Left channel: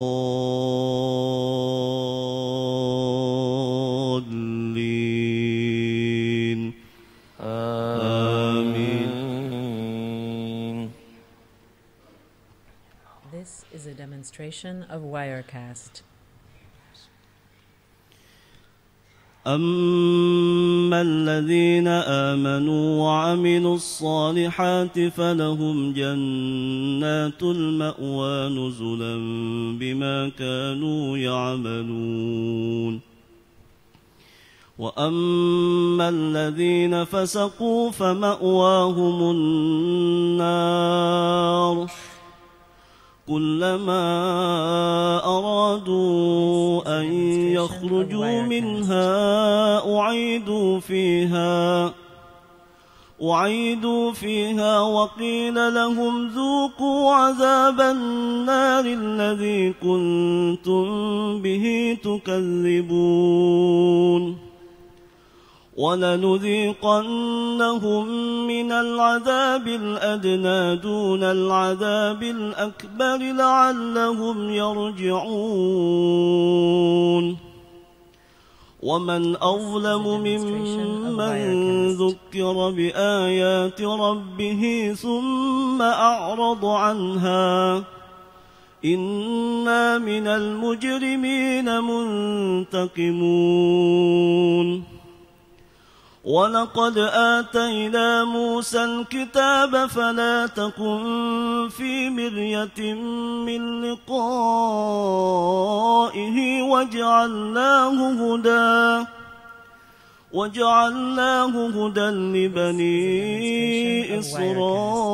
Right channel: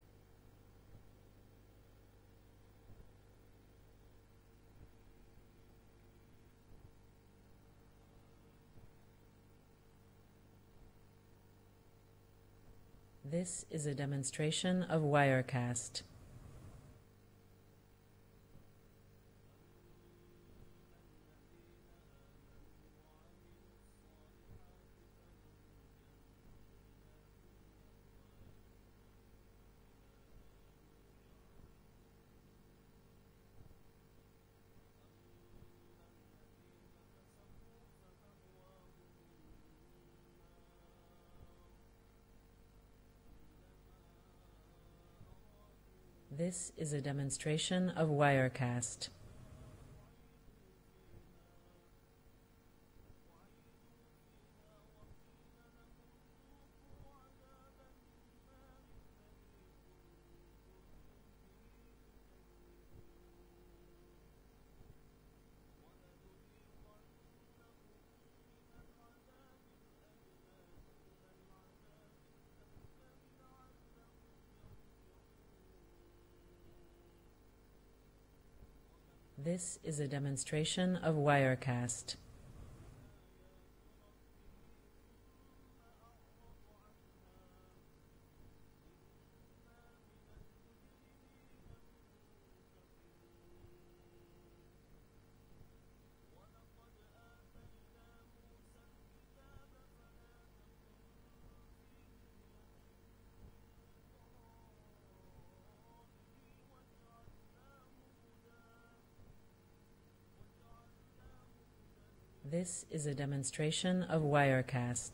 الضالين آمين. This is a demonstration of Wirecast. أما الذين آمنوا وعملوا الصالحات فلهم جنات المأوى نزلا بما كانوا يعملون. وأما الذين فسقوا فمأواهم النار كلما أرادوا أن يخرجوا منها أعيدوا فيها وقيل لهم ذوقوا عذاب النار الذي كنتم به تكذبون. ولنذيقنهم من العذاب الأدنى دون العذاب الأكبر لعلهم يرجعون. ومن أظلم ممن ذكر بآيات ربه ثم أعرض عنها إنا من المجرمين منتقمون. ولقد آتينا موسى الكتاب فلا تكن في مرية من لقائه وجعلناه هدى لبني إسرائيل.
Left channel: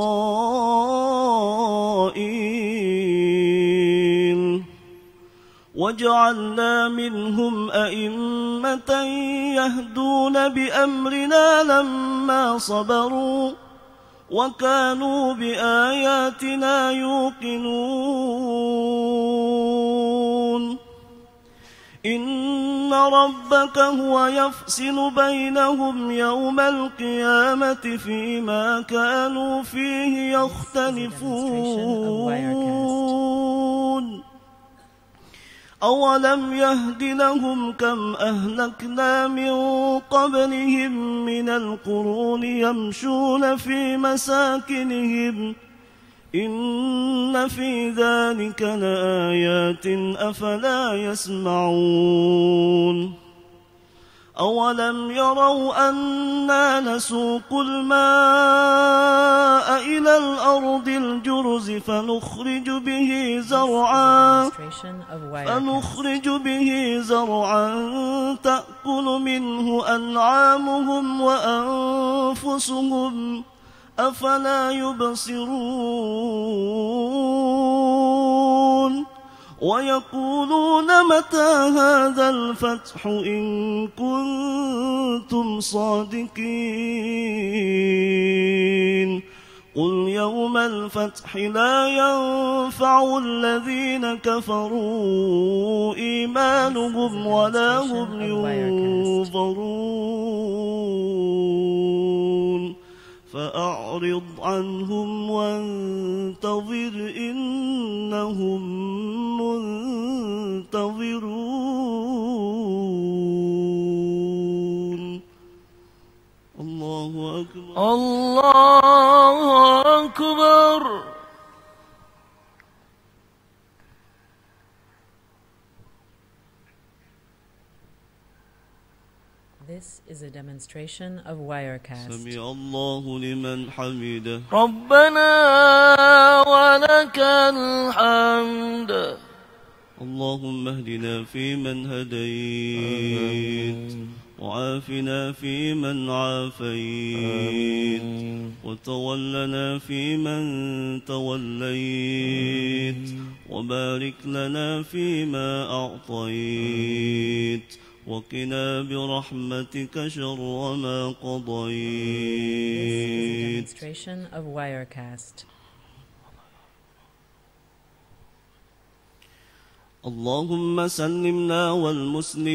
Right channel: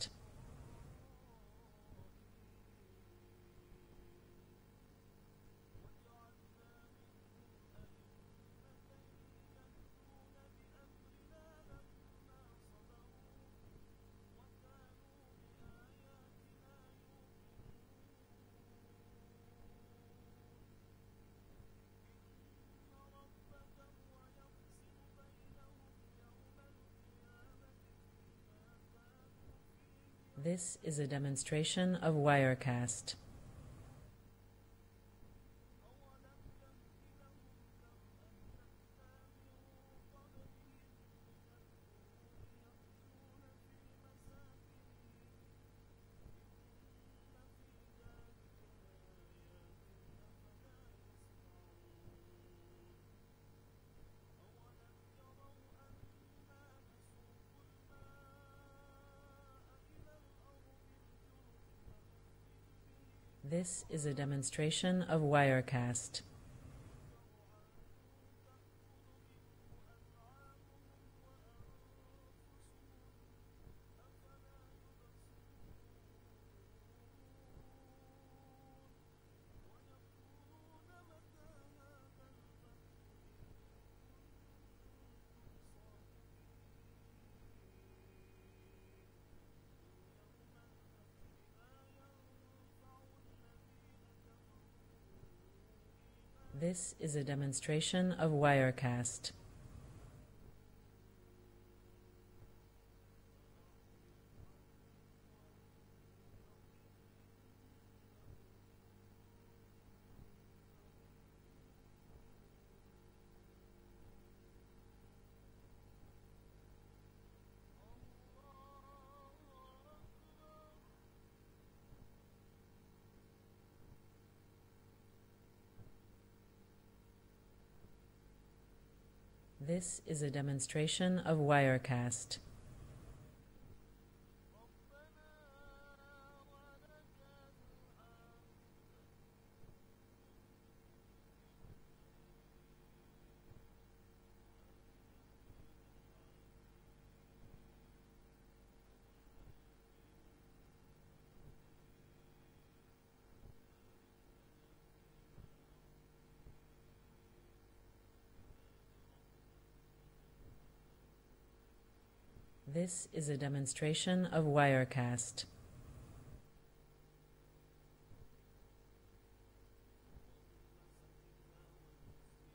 وجعلنا منهم أئمة يهدون بأمرنا لما صبروا وكانوا بآياتنا يوقنون. إن ربك هو يفصل بينهم يوم القيامة فيما كانوا فيه يختلفون. أولم يهد لهم كم أهلكنا من قبلهم من القرون يمشون في مساكنهم إن في ذلك لآيات أفلا يسمعون. أولم يروا أنا نسوق الماء إلى الأرض الجرز فنخرج به زرعا تأكل منه أنعامهم وأنفسهم أفلا يبصرون. ويقولون متى هذا الفتح إن كنتم صادقين. قل يوم الفتح لا ينفع الذين كفروا إيمانهم ولا هم ينظرون. فأعرض عنهم وانتظر إنهم منتظرون. الله أكبر الله أكبر. This is a demonstration of Wirecast. سمع الله لمن حمده. ربنا ولك الحمد. اللهم اهدنا فيمن هديت وعافنا فيمن عافيت وتولنا فيمن توليت وبارك لنا فيما أعطيت وقنا برحمتك شر ما قضيت. This is a demonstration of Wirecast. اللهم سلمنا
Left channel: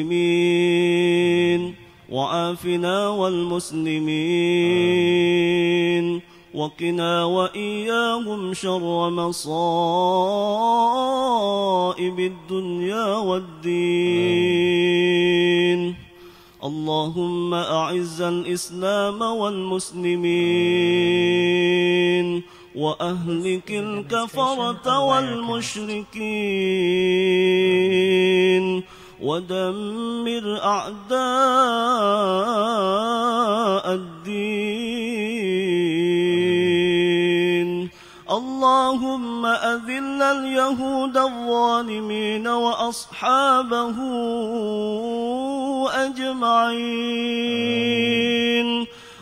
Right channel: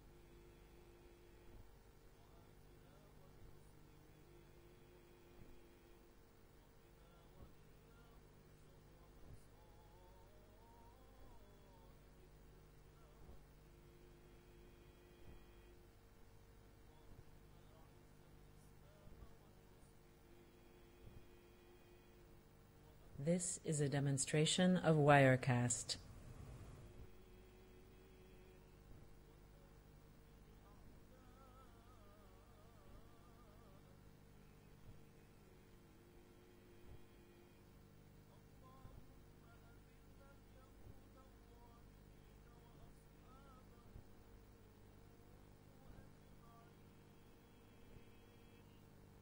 والمسلمين وعافنا والمسلمين وقنا وإياهم شر مصائب الدنيا والدين. اللهم أعز الإسلام والمسلمين وأهلك الكفرة والمشركين ودمر أعداء الدين. اللهم أذل اليهود الظالمين وأصحابه أجمعين.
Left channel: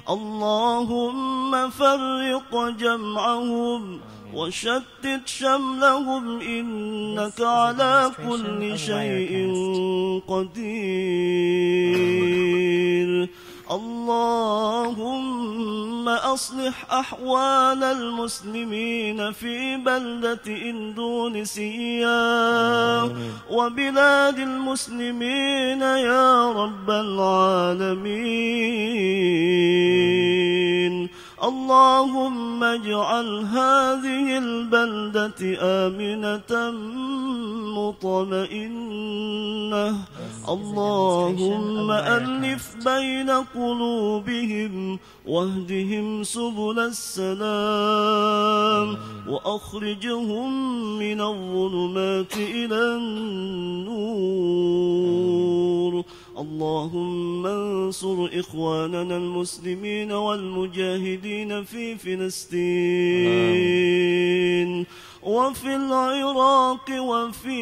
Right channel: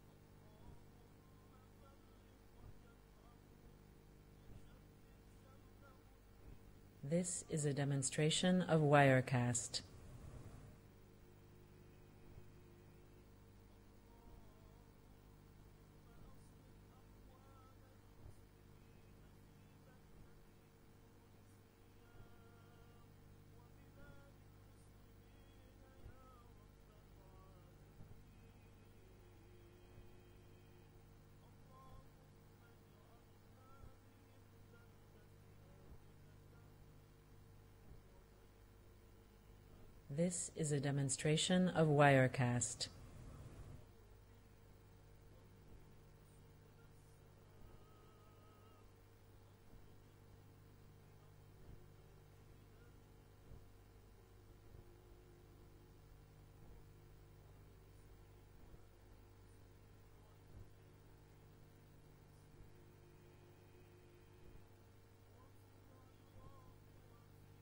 اللهم فرق جمعهم وشتت شملهم إنك على كل شيء قدير. اللهم أصلح أحوال المسلمين في بلدة إندونيسيا وبلاد المسلمين يا رب العالمين. اللهم اجعل هذه البلدة آمنة مطمئنة. اللهم ألف بين قلوبهم واهدهم سبل السلام وأخرجهم من الظلمات إلى النور. اللهم انصر إخواننا المسلمين والمجاهدين في فلسطين وفي العراق وفي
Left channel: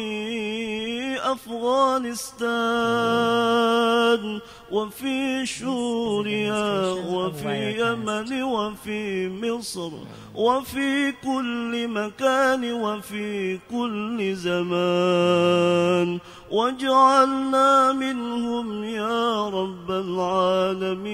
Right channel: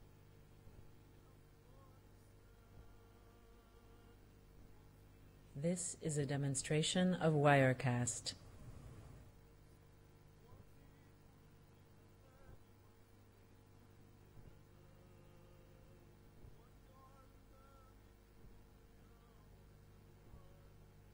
أفغانستان وفي سوريا وفي اليمن وفي مصر وفي كل مكان وفي كل زمان، واجعلنا منهم يا رب العالمين.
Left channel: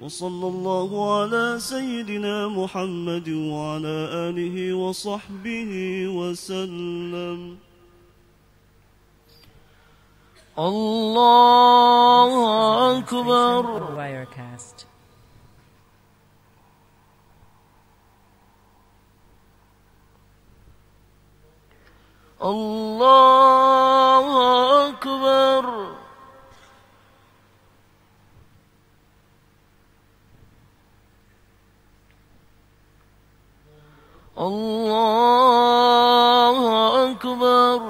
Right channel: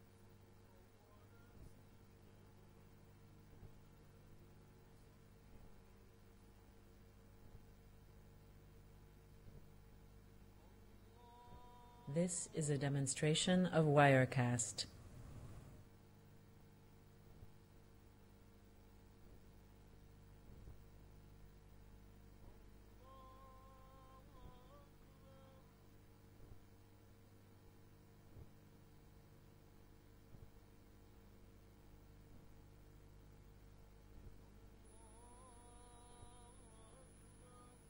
وصلى الله على سيدنا محمد وعلى آله وصحبه وسلم. الله أكبر. Of Wirecast. الله أكبر. الله أكبر.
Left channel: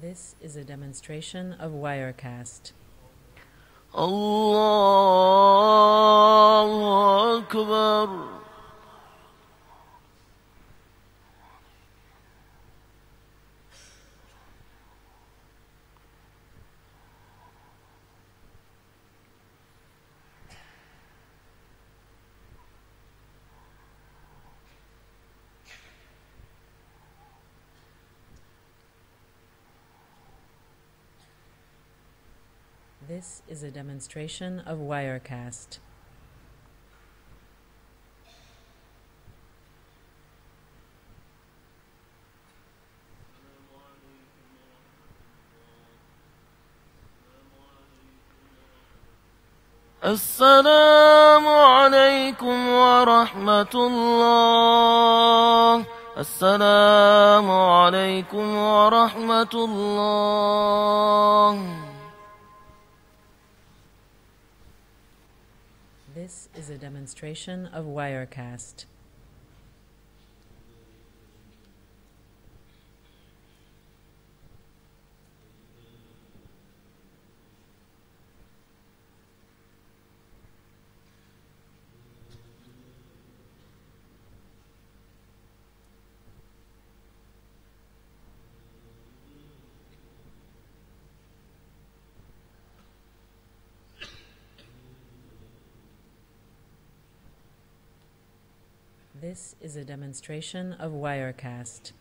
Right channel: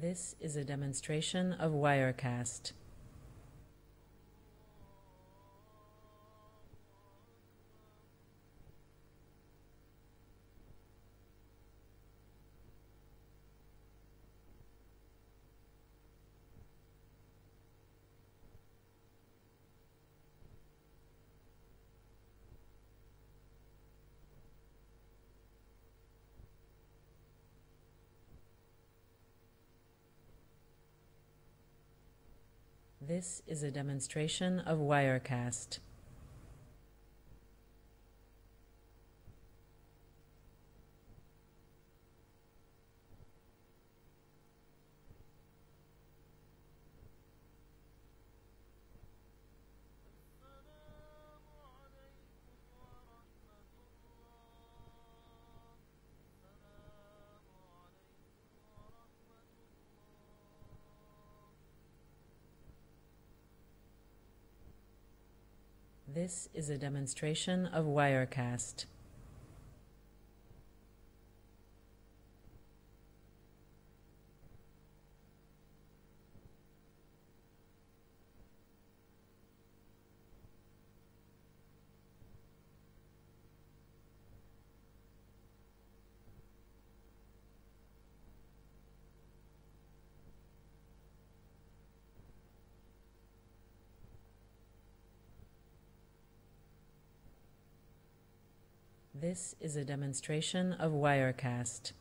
This is a demonstration of Wirecast. الله أكبر. This is a demonstration of Wirecast. السلام عليكم ورحمة الله. السلام عليكم ورحمة الله. This is a demonstration of Wirecast. This is a demonstration of Wirecast.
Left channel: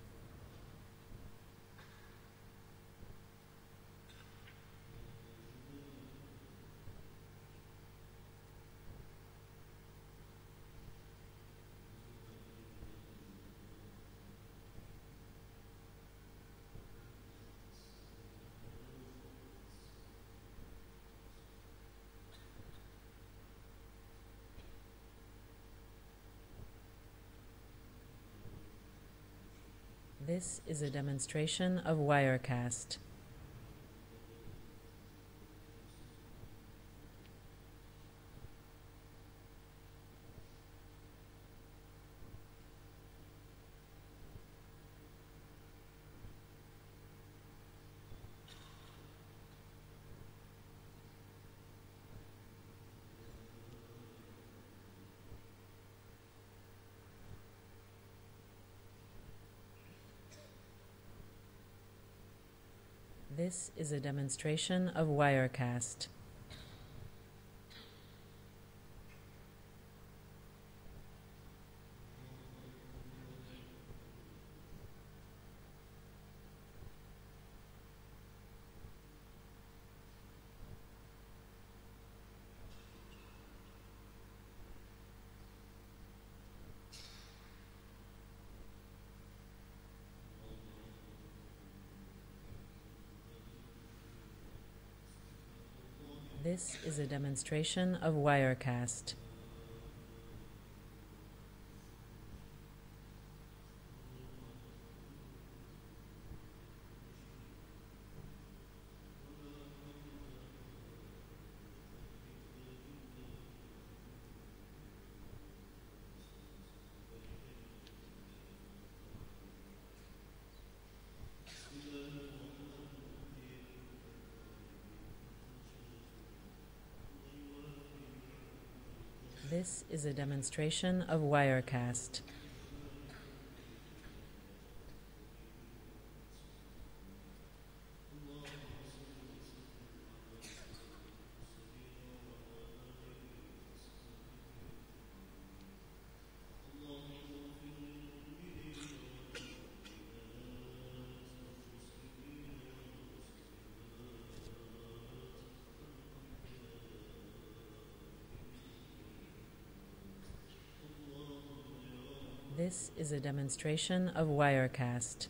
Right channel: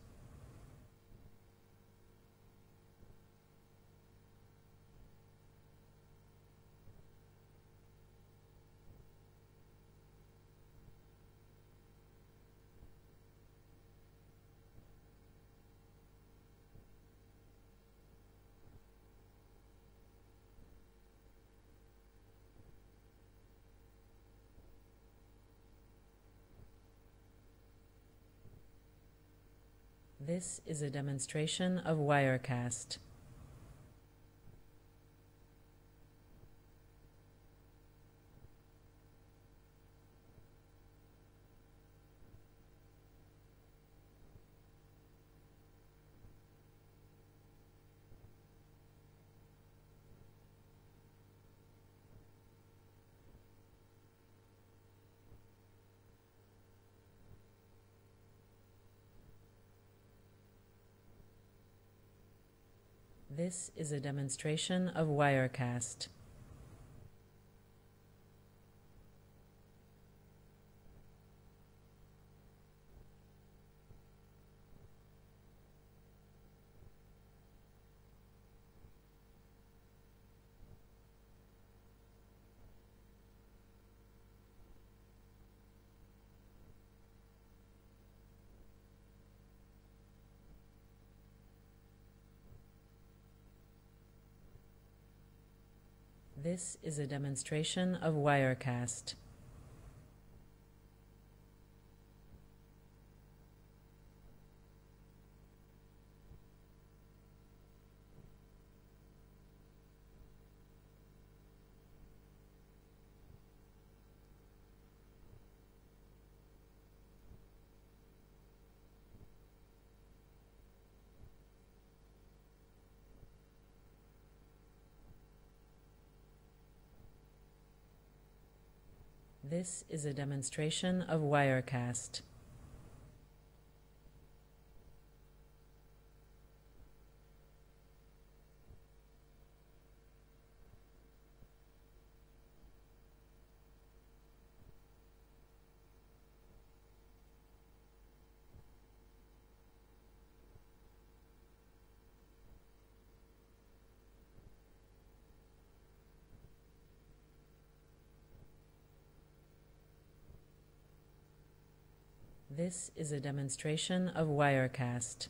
This is a demonstration of Wirecast. This is a demonstration of Wirecast. This is a demonstration of Wirecast. This is a demonstration of Wirecast. This is a demonstration of Wirecast.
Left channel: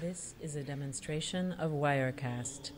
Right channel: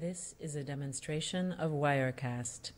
This is a demonstration of Wirecast.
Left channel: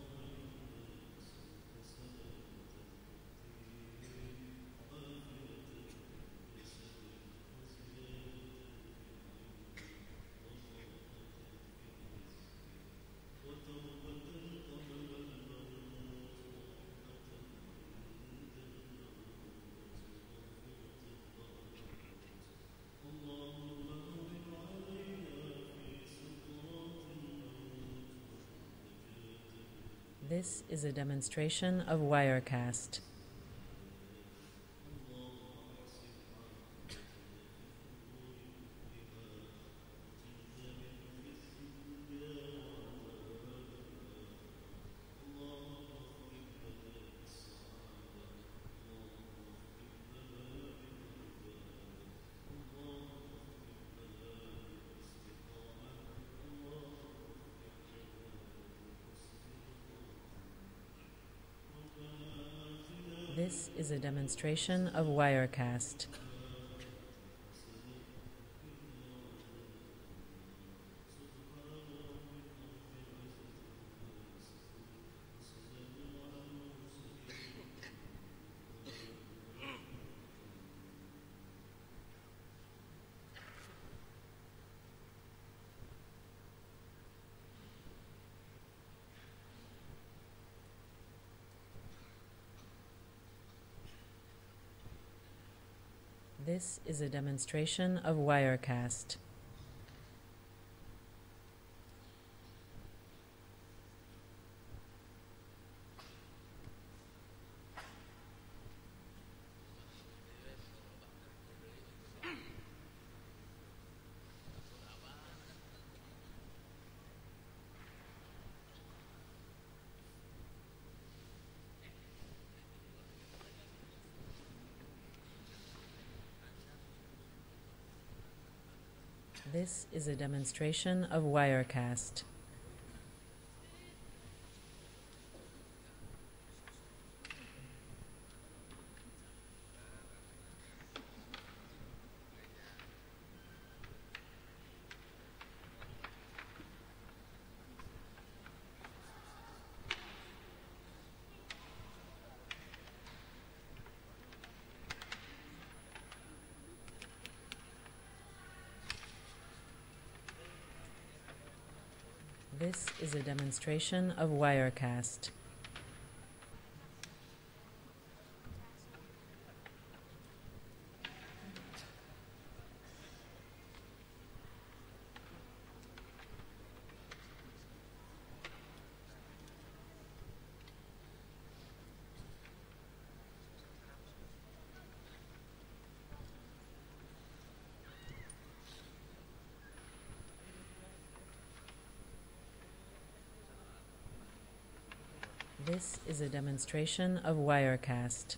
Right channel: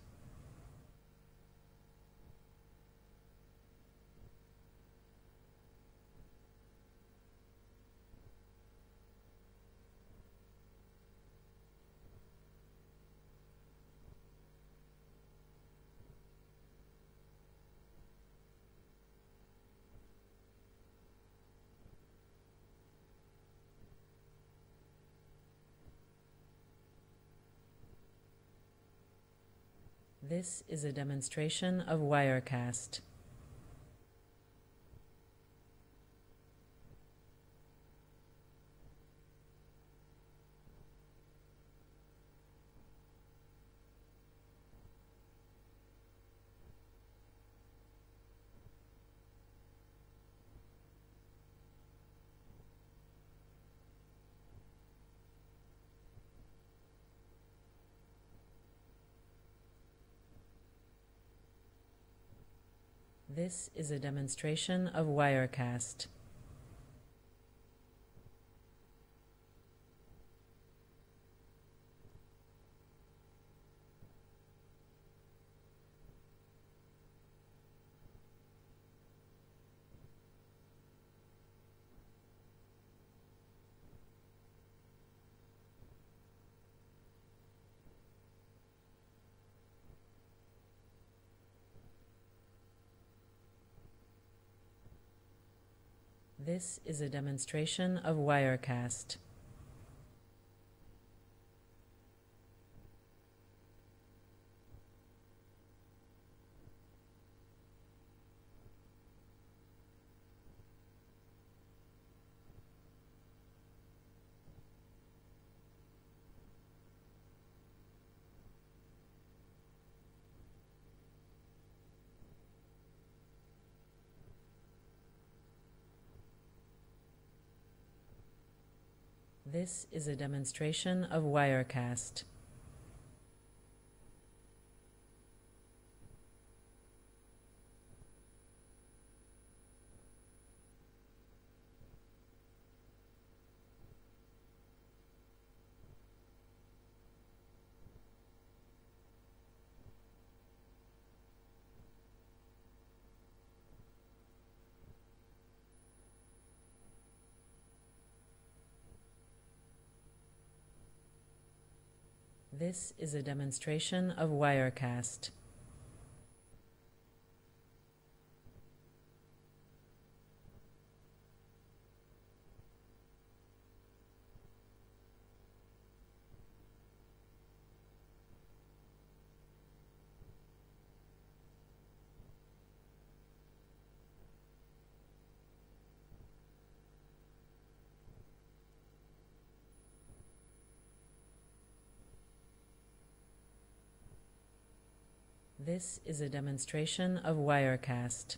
This is a demonstration of Wirecast. This is a demonstration of Wirecast. This is a demonstration of Wirecast. This is a demonstration of Wirecast. This is a demonstration of Wirecast. This is a demonstration of Wirecast.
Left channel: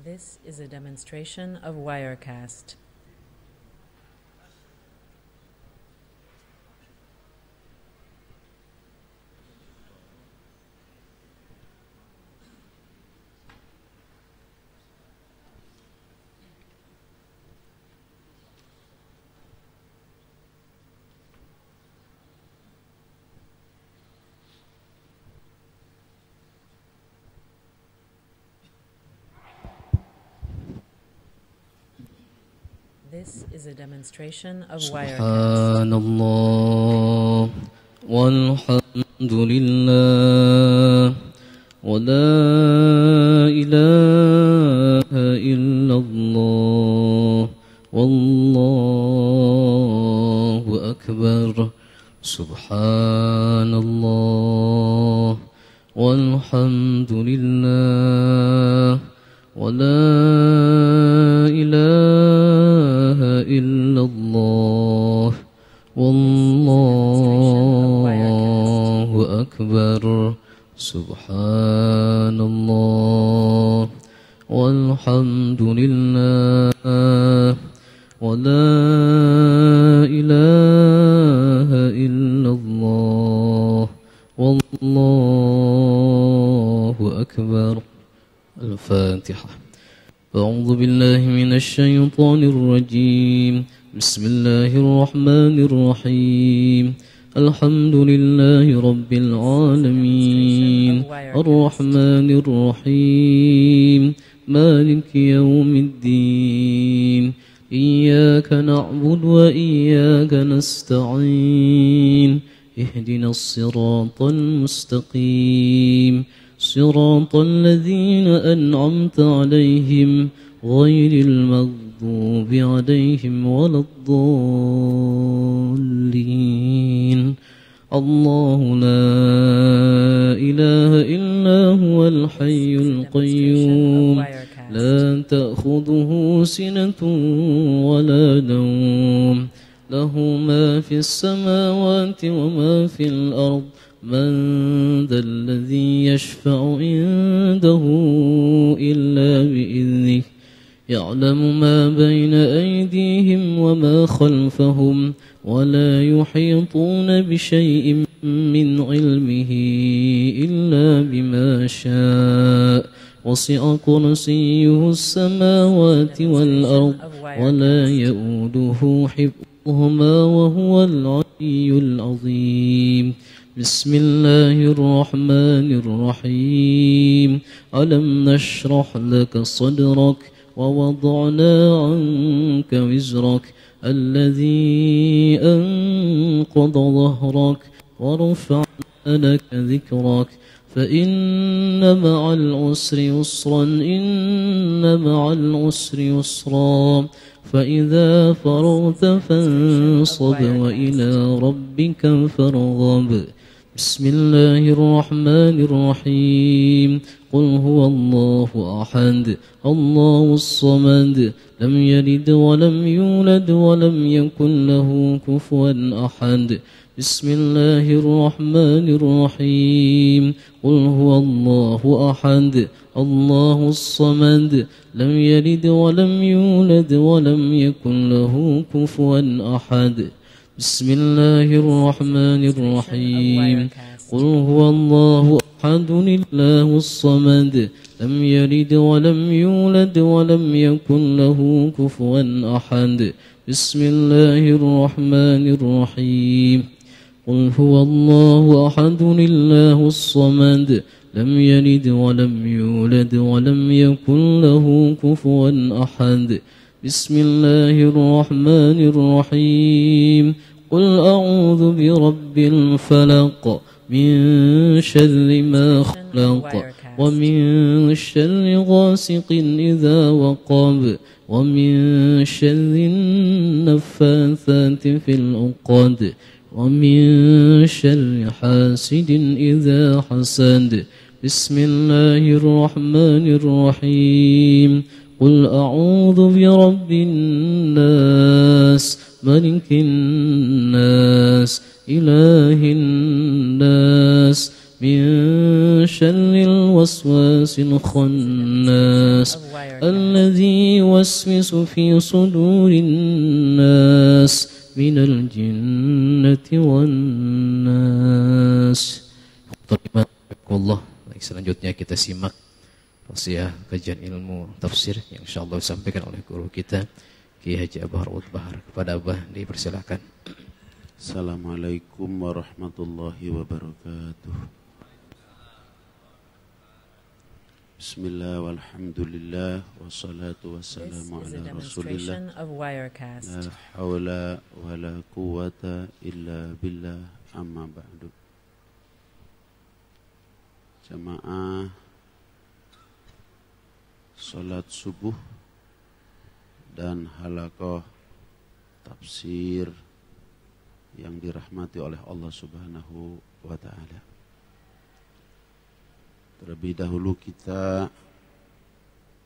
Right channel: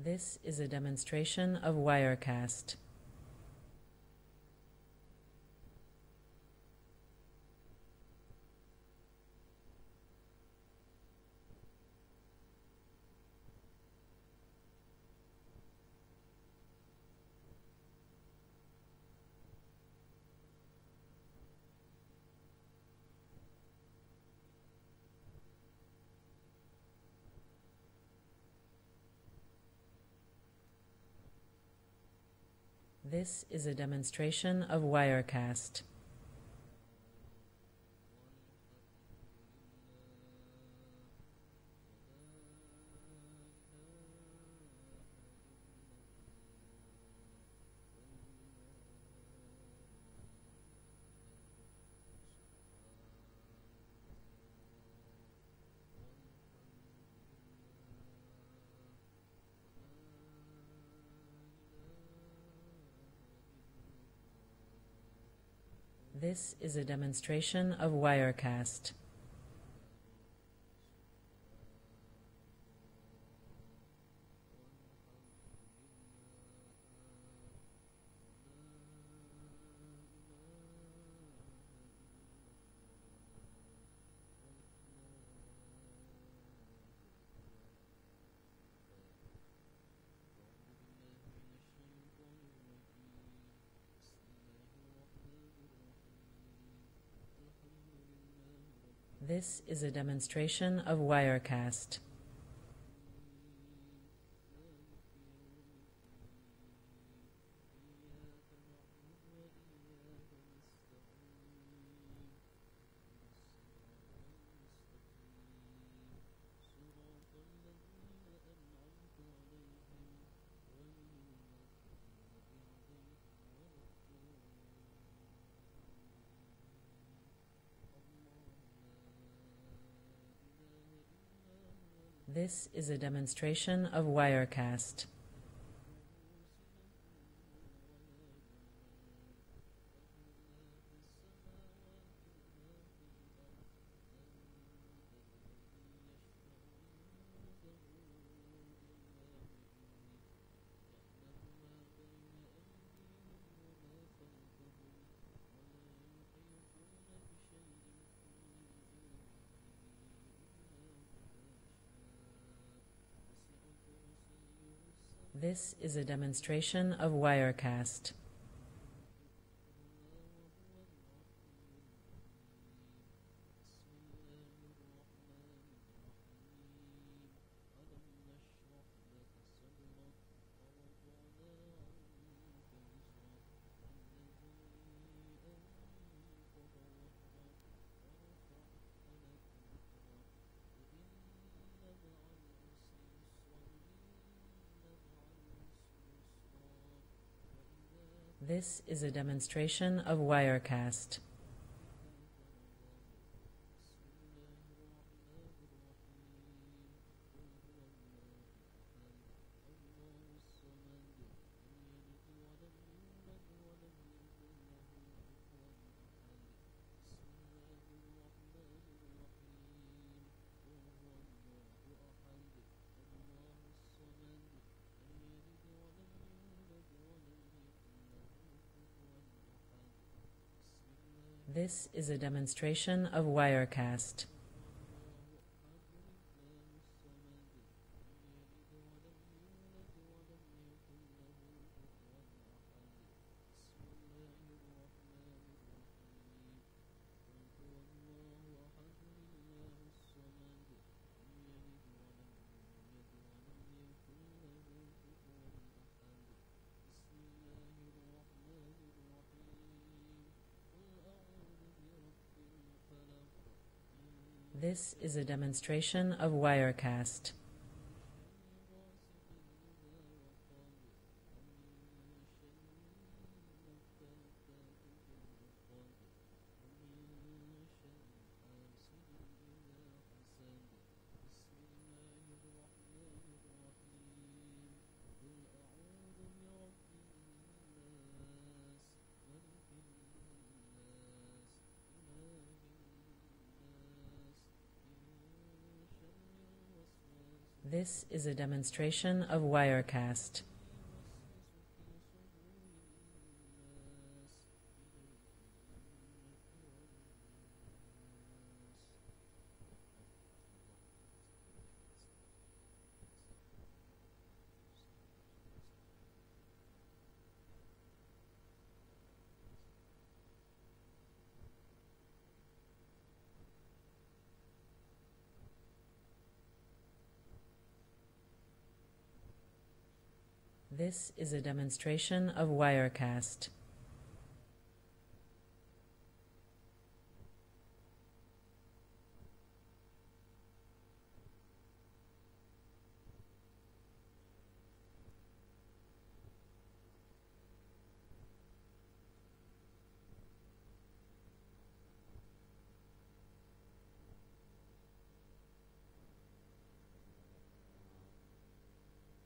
This is a demonstration of Wirecast. This is a demonstration of Wirecast. Subhanallah walhamdulillah wa la ilaha illallah wallahu akbar. Subhanallah walhamdulillah wa la ilaha illallah wallahu akbar. Subhanallah walhamdulillah wa la ilaha illallah wallahu akbar. الفاتحة. أعوذ بالله من الشيطان الرجيم. بسم الله الرحمن الرحيم. الحمد لله رب العالمين الرحمن الرحيم مالك يوم الدين. إياك نعبد وإياك نستعين. اهدنا الصراط المستقيم صراط الذين أنعمت عليهم غير المغضوب عليهم ولا الضالين. الله لا إله إلا هو الحي القيوم لا تأخذه سنة ولا نوم له ما في السماوات وما في الأرض. من ذا الذي يشفع عنده إلا بإذنه. يعلم ما بين أيديهم وما خلفهم ولا يحيطون بشيء من علمه إلا بما شاء. وسع كرسيه السماوات والأرض ولا يؤوده حفظهما وهو العلي العظيم. بسم الله الرحمن الرحيم. ألم نشرح لك صدرك ووضعنا عنك وزرك الذي أنقض ظهرك ورفعنا لك ذكرك فإن مع العسر يسرا إن مع العسر يسرا فإذا فرغت فانصب وإلى ربك فارغب بسم الله الرحمن الرحيم قل هو الله أحد الله الصمد لم يلد ولم يولد ولم يكن له كفوا أحد بسم الله الرحمن الرحيم قل هو الله أحد الله الصمد لم يلد ولم يولد ولم يكن له كفوا أحد بسم الله الرحمن الرحيم قل هو الله أحد الله الصمد لم يلد ولم يولد ولم يكن له كفوا أحد بسم الله الرحمن الرحيم قل هو الله أحد الله الصمد لم يلد ولم يولد ولم يكن له كفوا أحد بسم الله الرحمن الرحيم قل أعوذ برب الفلق من شر ما خلق ومن شر غاسق إذا وقب ومن شر النفاثات في العقد ومن شر حاسد إذا حسد بسم الله الرحمن الرحيم قل أعوذ برب الناس ملك الناس إله الناس من شر الوسواس الخناس الذي يوسوس في صدور الناس من الجنة والناس. Allah. Baik, selanjutnya kita simak tausiah kajian ilmu tafsir yang insyaallah disampaikan oleh guru kita Kiai Haji Abah Raud Bahar. Kepada Abah dipersilakan. Assalamualaikum warahmatullahi wabarakatuh. Bismillah walhamdulillah wassalatu wassalamu This is a ala demonstration rasulillah of Wirecast. la hawla wa la quwwata illa billah amma ba'du. Jamaah salat subuh dan halaqah tafsir yang dirahmati oleh Allah Subhanahu wa ta'ala. Terlebih dahulu kita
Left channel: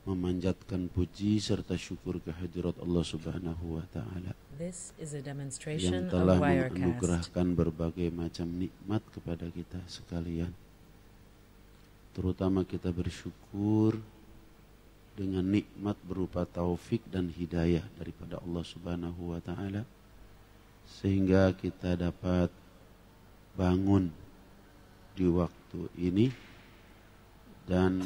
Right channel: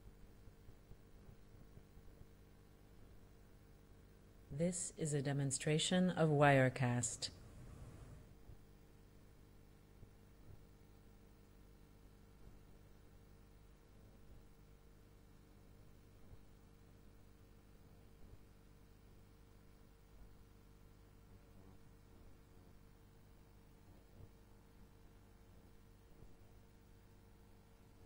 memanjatkan puji serta syukur kehadirat Allah Subhanahu wa ta'ala This is a yang demonstration telah of Wirecast. menganugerahkan berbagai macam nikmat kepada kita sekalian. Terutama kita bersyukur dengan nikmat berupa taufik dan hidayah daripada Allah Subhanahu wa ta'ala sehingga kita dapat bangun di waktu ini dan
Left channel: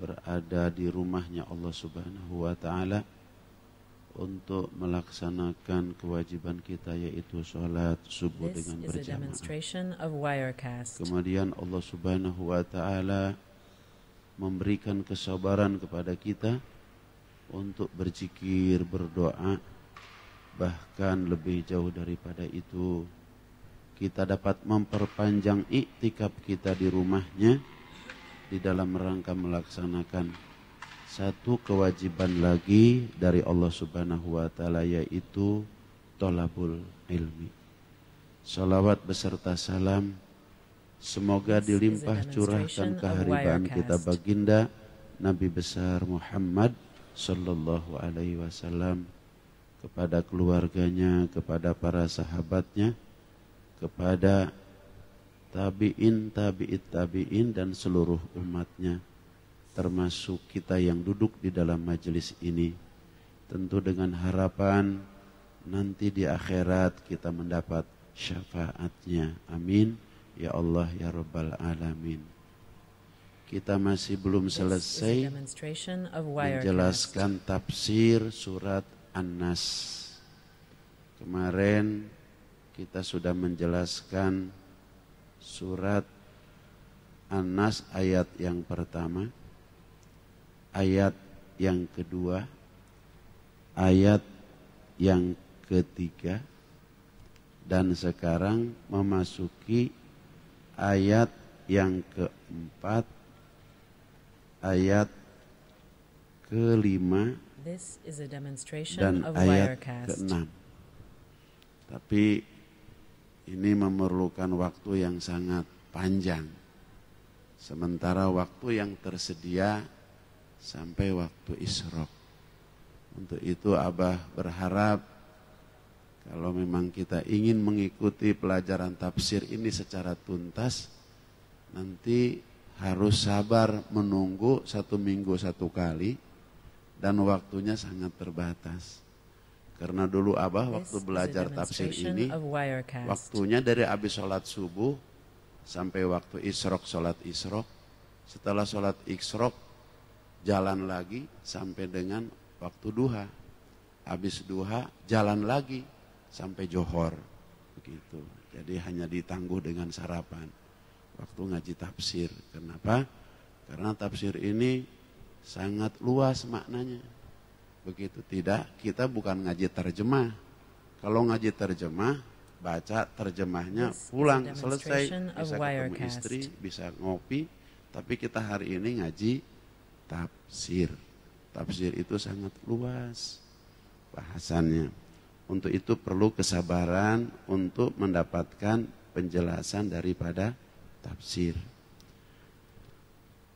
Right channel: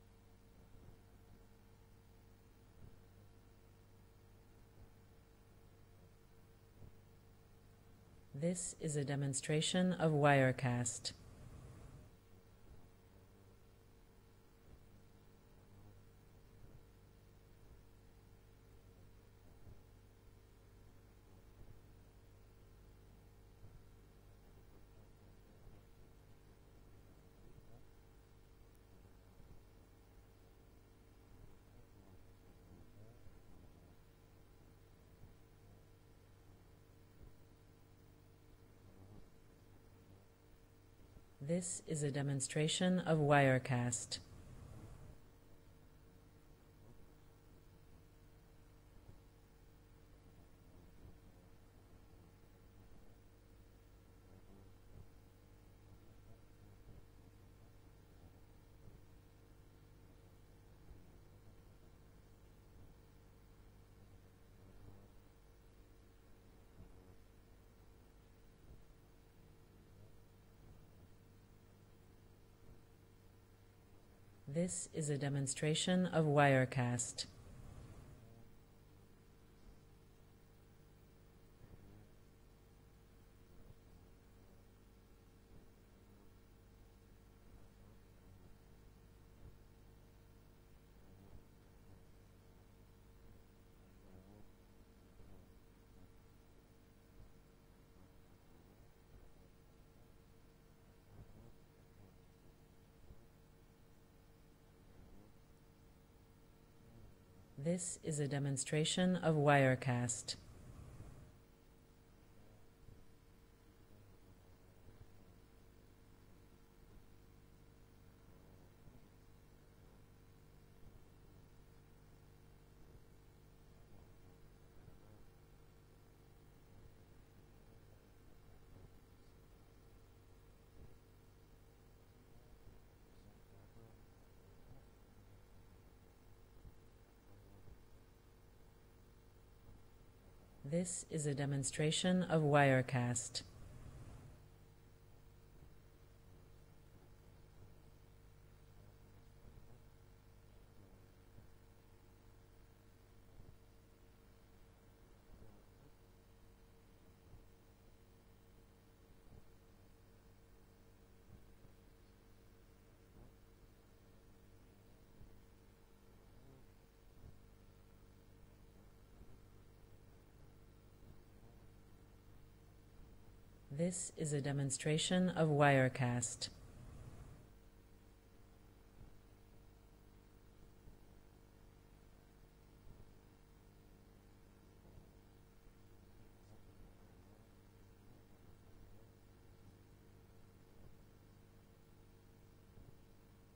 berada di rumahnya Allah Subhanahu wa ta'ala untuk melaksanakan kewajiban kita yaitu sholat subuh This dengan is a berjamaah. demonstration of Wirecast. Kemudian Allah Subhanahu wa ta'ala memberikan kesabaran kepada kita untuk berzikir, berdoa, bahkan lebih jauh daripada itu kita dapat memperpanjang iktikaf kita di rumahnya di dalam rangka melaksanakan satu kewajiban lagi dari Allah Subhanahu wa ta'ala yaitu thalabul ilmi. Salawat beserta salam semoga dilimpah curahkan kehadiran kita baginda Nabi besar Muhammad sallallahu alaihi wasallam kepada keluarganya, kepada para sahabatnya, kepada tabi'in, tabi'it tabi'in dan seluruh umatnya, termasuk kita yang duduk di dalam majelis ini. Tentu dengan harapan nanti di akhirat kita mendapat syafaatnya. Amin. Ya Allah, ya Rabbal Alamin. Kita masih belum selesai menjelaskan tafsir surat An-Nas. Kemarin kita sudah menjelaskan surat An-Nas ayat yang pertama, ayat yang kedua, ayat yang ketiga, dan sekarang memasuki ayat yang keempat, ayat ke-5 This is a dan demonstration of ayat Wirecast. ke-6. Tapi ini memerlukan waktu yang sangat panjang. Sementara waktu yang tersedia sampai waktu Isyraq. Untuk itu Abah berharap kalau memang kita ingin mengikuti pelajaran tafsir ini secara tuntas, nanti harus sabar menunggu 1 minggu 1 kali dan waktunya sangat terbatas. Karena dulu Abah This waktu is a belajar tafsir demonstration ini, of Wirecast. waktunya dari habis sholat subuh sampai waktu Isyraq, sholat Isyraq. Setelah sholat Isyraq, jalan lagi sampai dengan waktu duha. Habis duha, jalan lagi sampai johor. Begitu. Jadi hanya ditangguh dengan sarapan. Waktu ngaji tafsir. Kenapa? Karena tafsir ini sangat luas maknanya. Begitu. Tidak, kita bukan ngaji terjemah. Kalau ngaji terjemah, baca terjemahnya, This is a pulang, demonstration selesai. of Bisa ketemu Wirecast. istri, bisa ngopi. Tapi kita hari ini ngaji tafsir. Tafsir itu sangat luas bahasannya. Untuk itu perlu kesabaran untuk mendapatkan penjelasan daripada tafsir.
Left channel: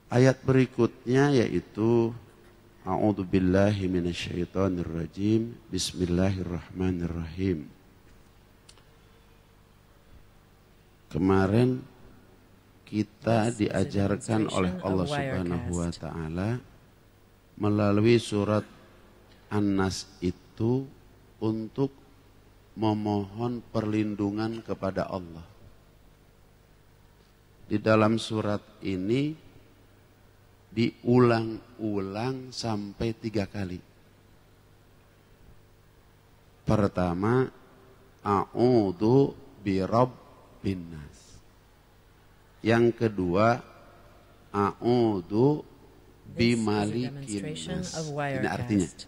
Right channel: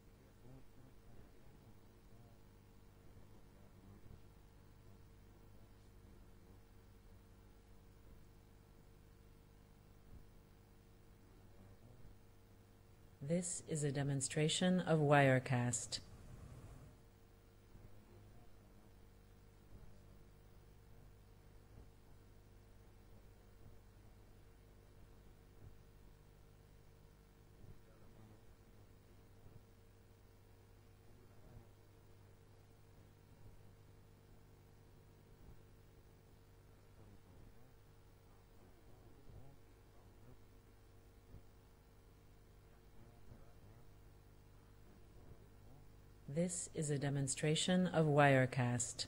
Ayat berikutnya yaitu A'udzubillahi minasyaitonirrajim. Bismillahirrahmanirrahim. Kemarin kita This is a diajarkan oleh demonstration of Allah Subhanahu wa Wirecast. taala melalui surat An-Nas itu untuk memohon perlindungan kepada Allah. Di dalam surat ini diulang-ulang sampai 3 kali. Pertama, a'udzu birabbin nas. Yang kedua, a'udzu This is a bimalikin demonstration nas. of Ini artinya. Wirecast.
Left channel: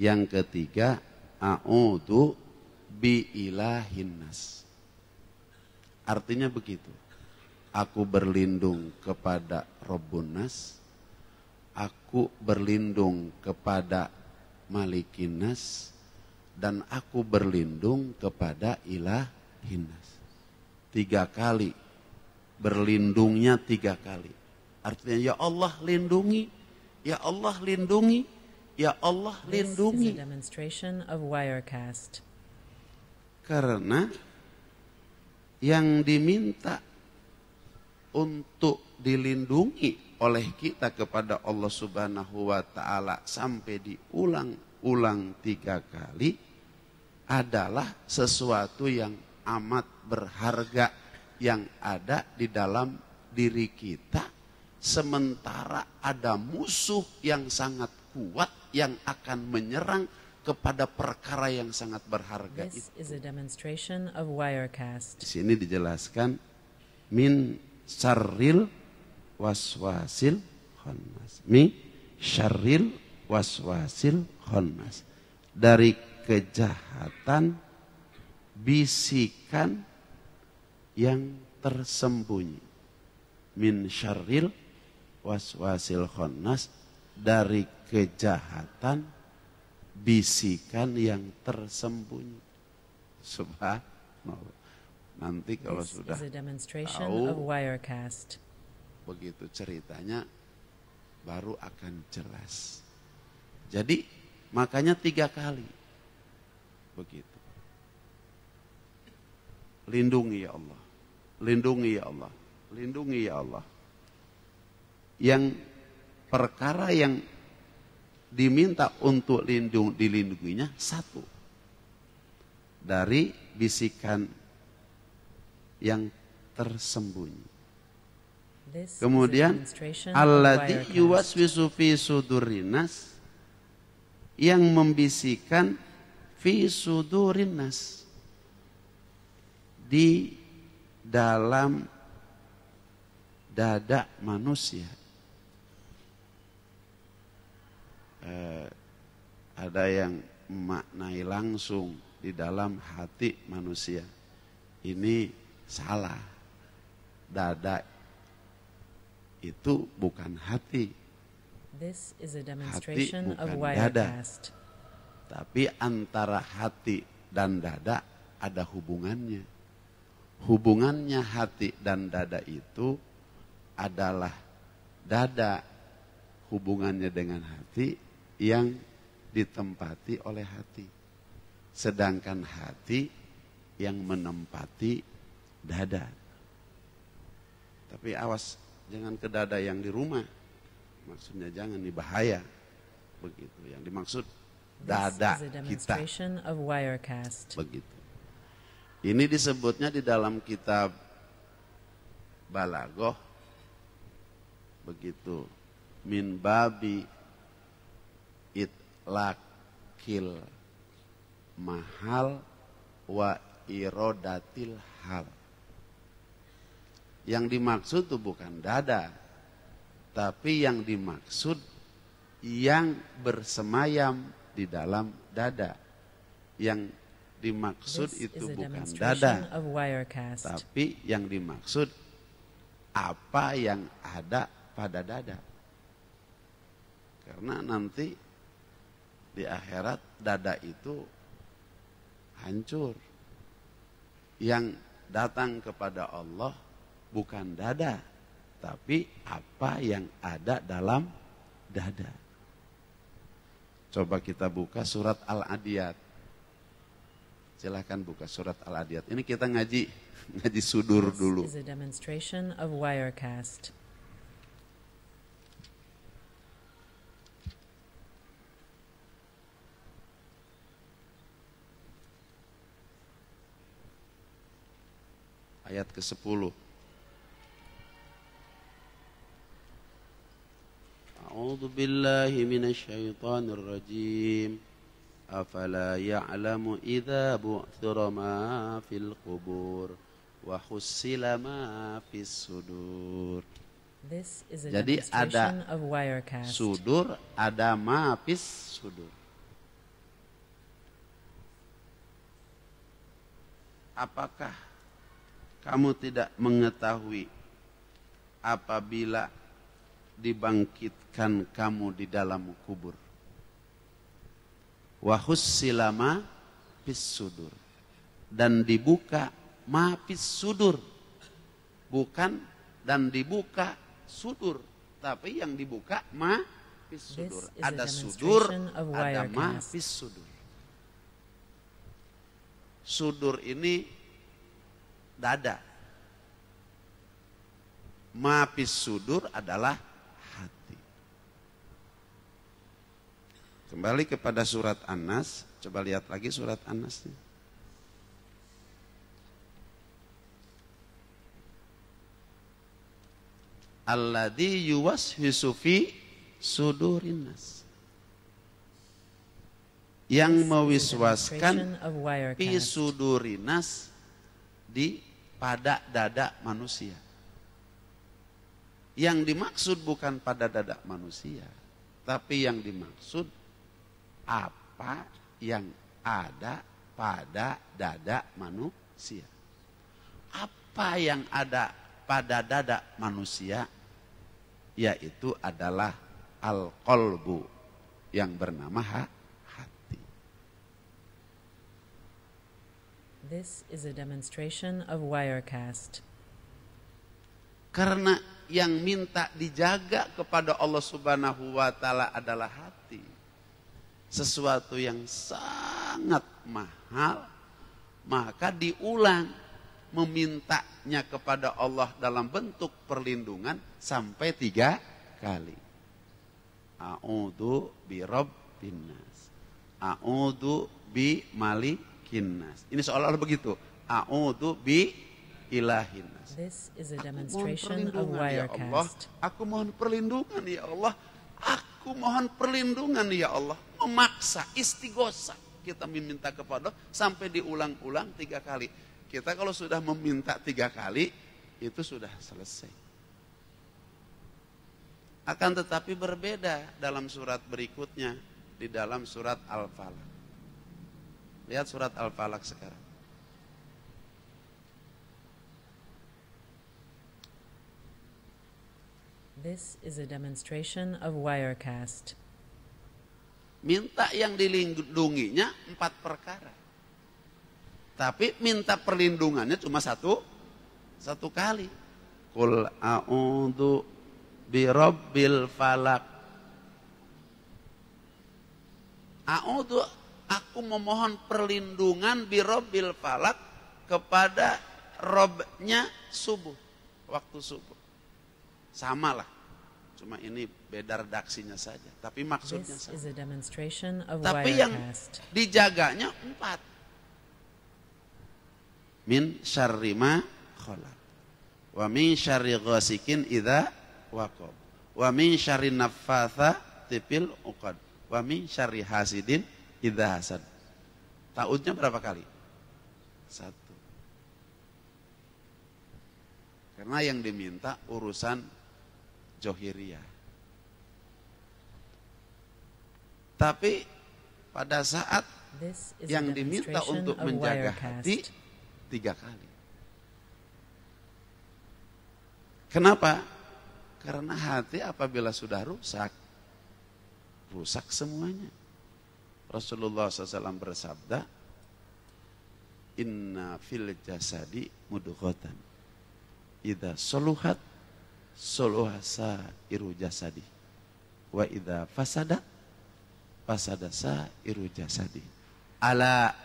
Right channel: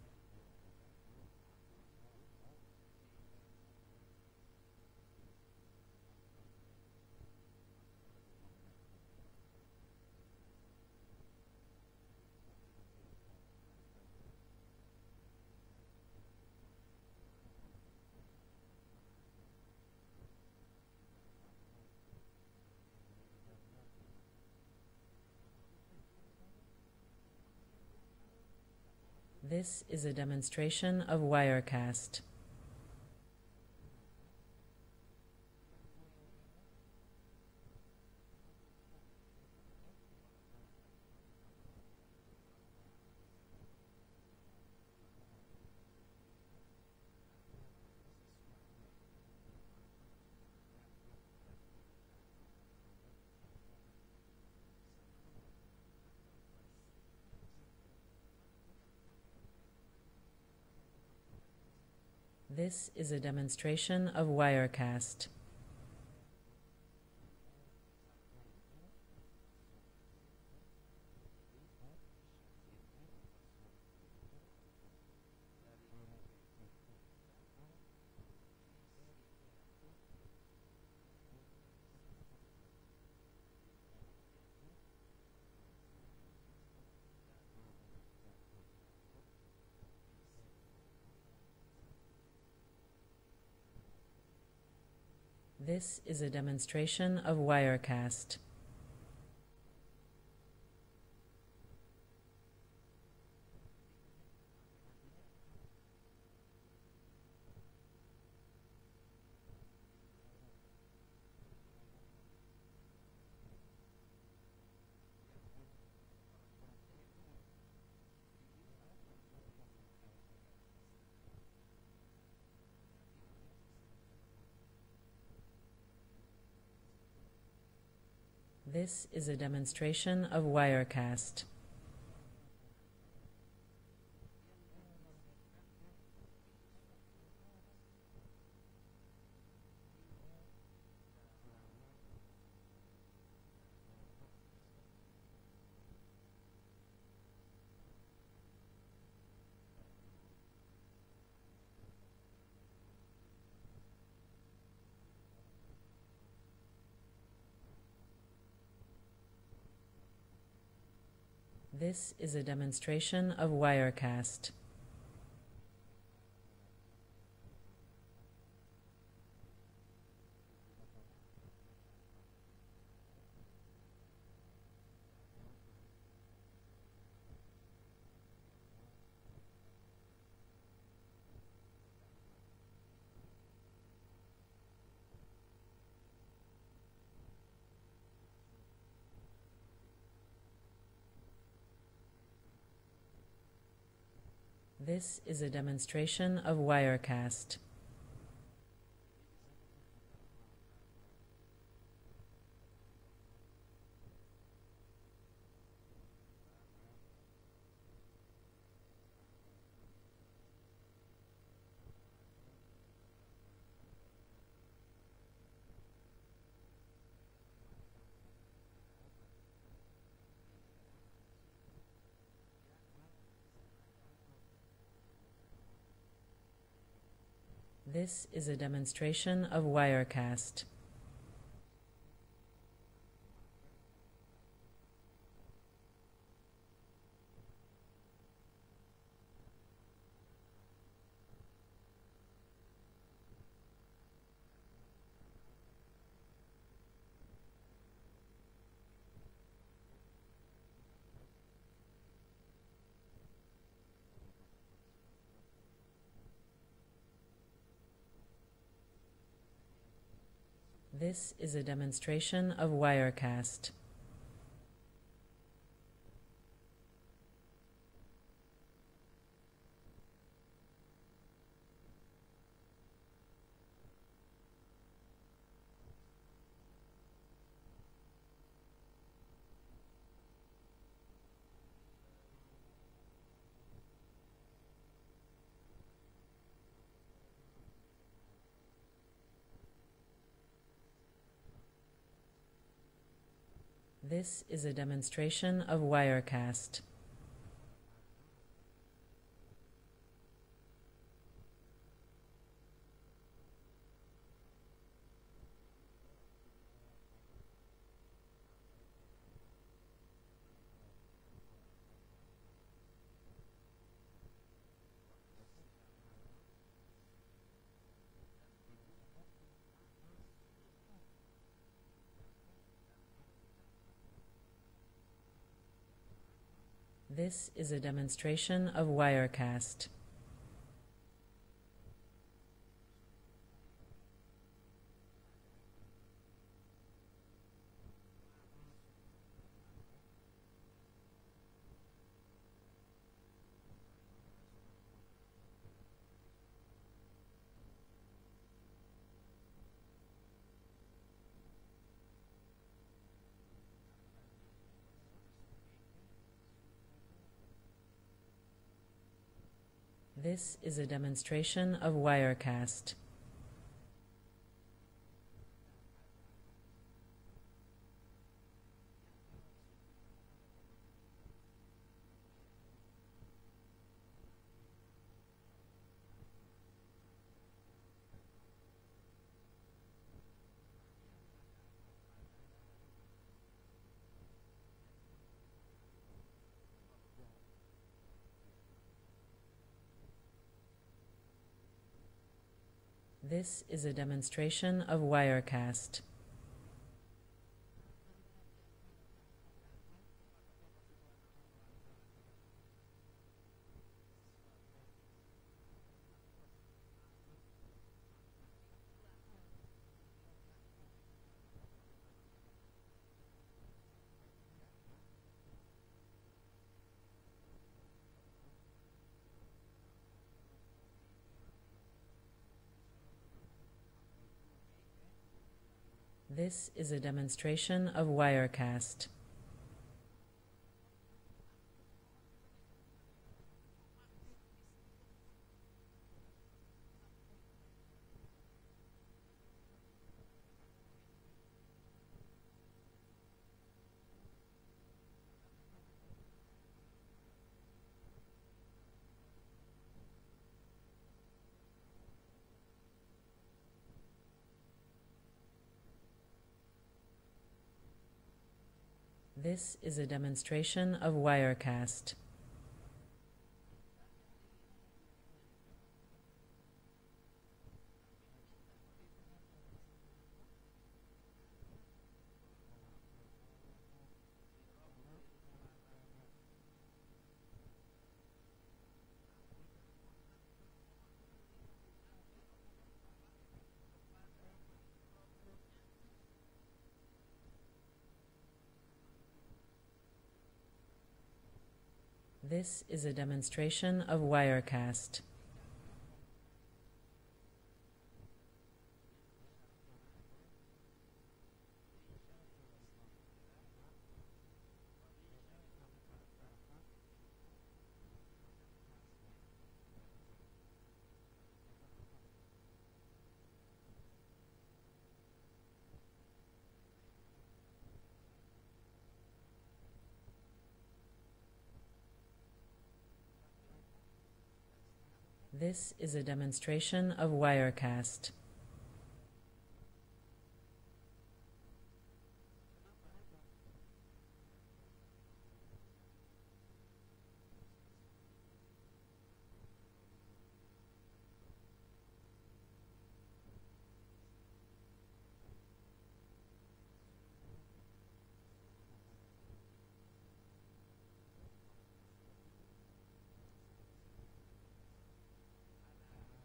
Yang ketiga, a'udzu biilahin nas. Artinya begitu. Aku berlindung kepada Rabbun nas. Aku berlindung kepada Malikin nas. Dan aku berlindung kepada Ilahin nas. 3 kali. Berlindungnya 3 kali. Artinya ya Allah lindungi. Ya Allah lindungi. Ya Allah This is lindungi. a demonstration of Wirecast. Karena yang diminta untuk dilindungi oleh kita kepada Allah Subhanahu wa taala sampai diulang-ulang 3 kali adalah sesuatu yang amat berharga yang ada di dalam diri kita, sementara ada musuh yang sangat kuat yang akan menyerang kepada perkara yang sangat berharga This itu. is a demonstration of Di Wirecast. sini dijelaskan min syarril waswasil khannas. Mi syarril waswasil khannas. Dari kejahatan bisikan yang tersembunyi. Min syarril waswasil khannas, dari kejahatan bisikan yang tersembunyi. Subhanallah. Nanti kalau This sudah is a demonstration tahu of Wirecast. begitu ceritanya baru akan jelas. Jadi makanya 3 kali begitu. Lindungi ya Allah, lindungi ya Allah, lindungi ya Allah. Yang perkara yang diminta untuk dilindunginya 1 dari bisikan yang tersembunyi. This Kemudian is a demonstration of alladzi Wirecast. yuwaswisu fi sudurinas, yang membisikkan fi sudurinas, di dalam dada manusia. Ada yang memaknai langsung di dalam hati manusia. Ini salah. Dada itu bukan hati. This is a demonstration Hati of bukan dada. Wirecast. Tapi antara hati dan dada ada hubungannya. Hubungannya hati dan dada itu adalah dada hubungannya dengan hati yang ditempati oleh hati. Sedangkan hati yang menempati dada. Tapi awas, jangan ke dada yang di rumah. Maksudnya jangan, ini bahaya. Begitu yang dimaksud This dada is a kita. demonstration of Wirecast. Begitu. Ini disebutnya di dalam kitab Balaghah begitu, min babi itlaqil mahal wa irodatil hal. Yang dimaksud itu bukan dada, tapi yang dimaksud yang bersemayam di dalam dada. Yang dimaksud This itu is a bukan demonstration dada, of Wirecast. tapi yang dimaksud apa yang ada pada dada. Karena nanti di akhirat dada itu hancur. Yang datang kepada Allah bukan dada, tapi apa yang ada dalam dada. Coba kita buka surat Al-Adiyat. Silahkan buka surat Al-Adiyat. Ini kita ngaji sudur This dulu. is a demonstration of Wirecast. Ayat ke-10. A'udzu billahi minasyaitonir rajim. Afala ya'lamu idza bu'thira ma fil qubur wa hussila ma fis sudur. This is a Jadi demonstration of Wirecast. Sudur ada ma fis sudur. Apakah kamu tidak mengetahui apabila dibangkitkan kamu di dalam kubur? Wa hussila ma fis sudur, dan dibuka ma fis sudur, bukan dan dibuka sudur, tapi yang dibuka ma fis sudur. This is a Ada demonstration sudur, of ada ma Wirecast. fis sudur. Sudur ini dada. Ma fis sudur adalah hati. Kembali kepada surat An-Nas, coba lihat lagi surat An-Nas. Alladzi yuwaswisu fi sudurin nas. Yang This is a mewiswaskan demonstration of fi Wirecast. sudurin nas, di pada dada manusia. Yang dimaksud bukan pada dada manusia, tapi yang dimaksud apa yang ada pada dada manusia. Apa yang ada pada dada manusia, yaitu adalah al-qalbu, yang bernama hati. This is a demonstration of Wirecast. Karena yang minta dijaga kepada Allah Subhanahu wa Ta'ala adalah hati. Sesuatu yang sangat mahal, maka diulang memintanya kepada Allah dalam bentuk perlindungan sampai 3 kali. A'udzu bi rabbin nas. A'udzu bi malikin nas. Ini seolah-olah begitu. A'udzu bi ilahin nas. This is a Aku mohon demonstration of perlindungan, ya Allah. Wirecast. Aku mohon perlindungan ya Allah. Aku mohon perlindungan ya Allah. Memaksa, istighosa. Kita meminta kepada Allah sampai diulang-ulang 3 kali. Kita kalau sudah meminta 3 kali, itu sudah selesai. Akan tetapi berbeda dalam surat berikutnya, di dalam surat Al-Falaq. Lihat surat Al-Falaq sekarang. This is a demonstration of Wirecast. Minta yang dilindunginya 4 perkara. Tapi minta perlindungannya cuma satu kali. Qul a'udzu birabbil falak. A'udzu, aku memohon perlindungan birabbil falak kepada Robnya subuh, waktu subuh. Samalah, cuma ini beda redaksinya saja. Tapi maksudnya This sama. is a demonstration of Tapi yang Wirecast. dijaganya 4. Min syarri ma khalaq. Wa min syarri ghasikin idza waqab. Wa min syarri naffatsati fil 'uqad. Wa min syarri hasidin idza hasad. Ta'udnya berapa kali? 1. Karena yang diminta urusan johiriyah. Tapi pada saat This is a yang diminta demonstration untuk of menjaga hati Wirecast. 3 kali. Kenapa? Karena hati apabila sudah rusak semuanya. Rasulullah SAW bersabda, Inna fil jasadi mudghatan. Idza soluhat soluhasa iru jasadi. Wa idza fasadat fasadasa iru jasadi. Ala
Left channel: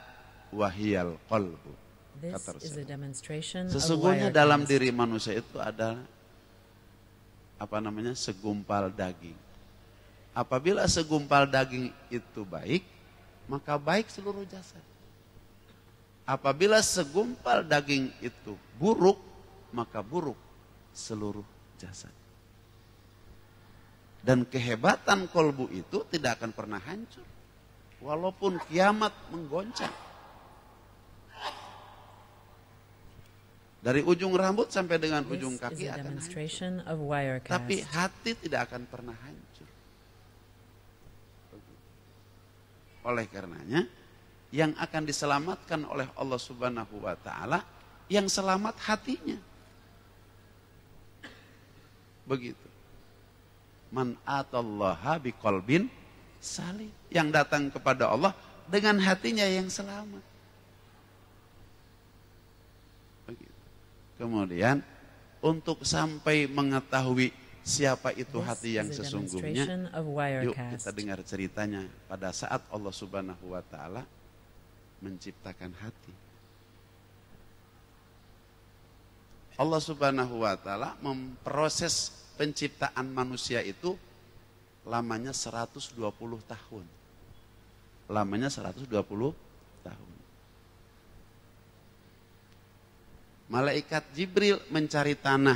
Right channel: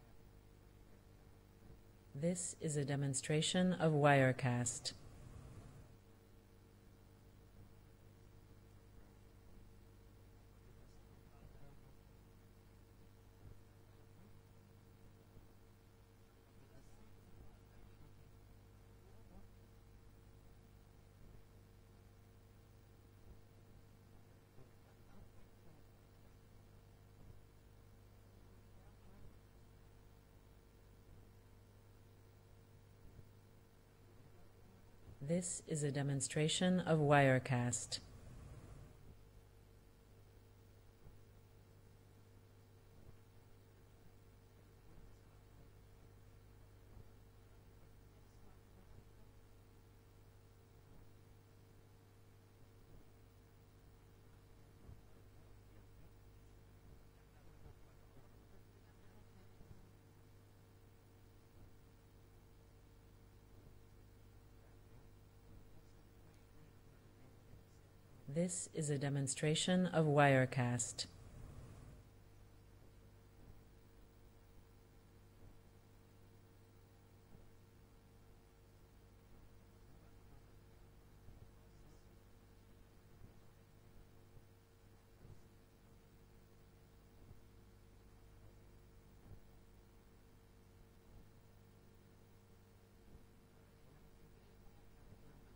wahiyal qalbu. This is a demonstration of Sesungguhnya dalam Wirecast. diri manusia itu ada segumpal daging. Apabila segumpal daging itu baik, maka baik seluruh jasad. Apabila segumpal daging itu buruk, maka buruk seluruh jasad. Dan kehebatan kolbu itu tidak akan pernah hancur, walaupun kiamat menggoncang. Dari ujung rambut sampai dengan ujung This kaki is a akan hancur. demonstration of Tapi Wirecast. hati tidak akan pernah hancur. Oleh karenanya, yang akan diselamatkan oleh Allah Subhanahu wa taala, yang selamat hatinya. Begitu. Man atallaha biqalbin salim. Yang datang kepada Allah dengan hatinya yang selamat. Begitu. Kemudian untuk sampai mengetahui siapa itu This hati yang is a sesungguhnya, demonstration of yuk Wirecast. kita dengar ceritanya pada saat Allah Subhanahu wa taala menciptakan hati. Allah Subhanahu wa taala memproses penciptaan manusia itu lamanya 120 tahun. Lamanya 120 tahun. Malaikat Jibril mencari tanah,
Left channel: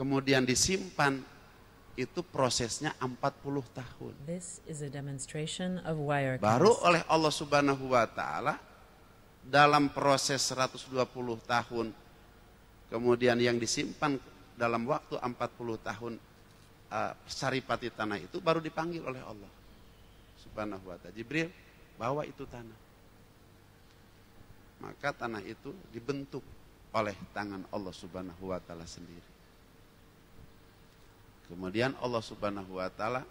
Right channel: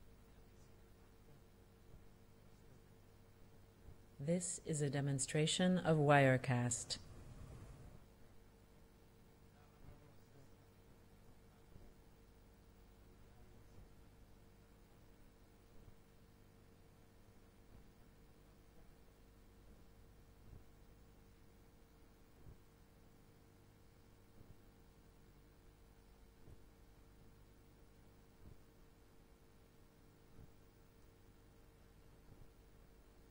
kemudian disimpan, itu prosesnya 40 tahun. This is a demonstration of Baru Wirecast. oleh Allah Subhanahu wa taala dalam proses 120 tahun, kemudian yang disimpan dalam waktu 40 tahun saripati tanah itu baru dipanggil oleh Allah Subhanahu wa taala. Jibril, bawa itu tanah. Maka tanah itu dibentuk oleh tangan Allah Subhanahu wa taala sendiri. Kemudian Allah Subhanahu wa taala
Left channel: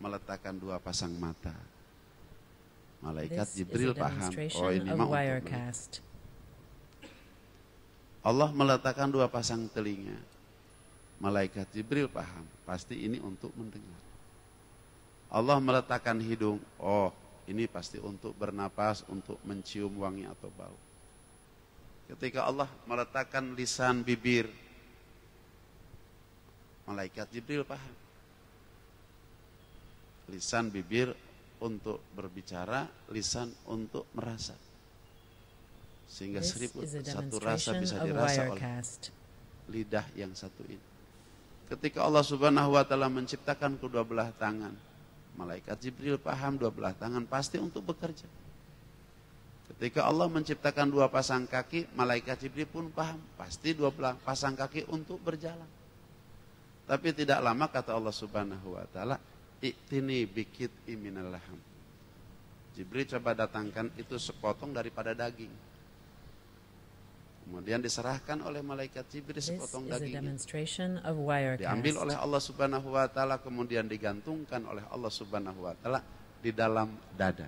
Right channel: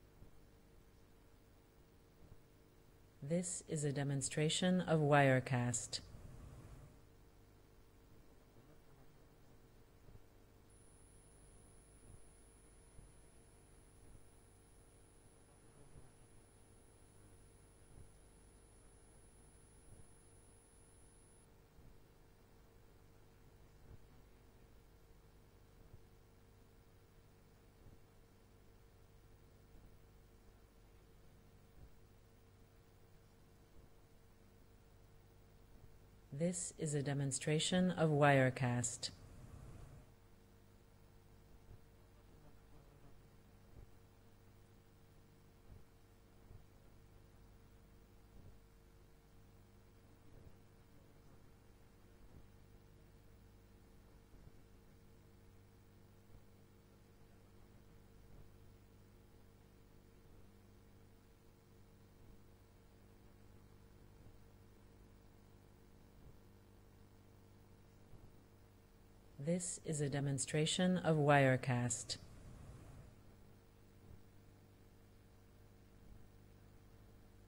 meletakkan 2 pasang mata. Malaikat This is Jibril a paham, demonstration ini of mah untuk Wirecast. Allah meletakkan 2 pasang telinga. Malaikat Jibril paham, pasti ini untuk mendengar. Allah meletakkan hidung, oh ini pasti untuk bernapas, untuk mencium wangi atau bau. Ketika Allah meletakkan lisan bibir, Malaikat Jibril paham. Lisan bibir untuk berbicara, lisan untuk merasa. Sehingga This is a satu rasa demonstration bisa of dirasa oleh Wirecast. lidah yang satu ini. Ketika Allah Subhanahu wa taala menciptakan kedua belah tangan, Malaikat Jibril paham 2 belah tangan pasti untuk bekerja. Ketika Allah menciptakan 2 pasang kaki, Malaikat Jibril pun paham pasti 2 pasang kaki untuk berjalan. Tapi tidak lama kata Allah Subhanahu wa taala, "I'tini bikit minal laham." Jibril coba datangkan itu sepotong daripada daging. Kemudian diserahkan oleh malaikat Jibril This sepotong is a daging. demonstration of Diambil oleh Wirecast. Allah Subhanahu wa taala, kemudian digantungkan oleh Allah Subhanahu wa taala di dalam dada.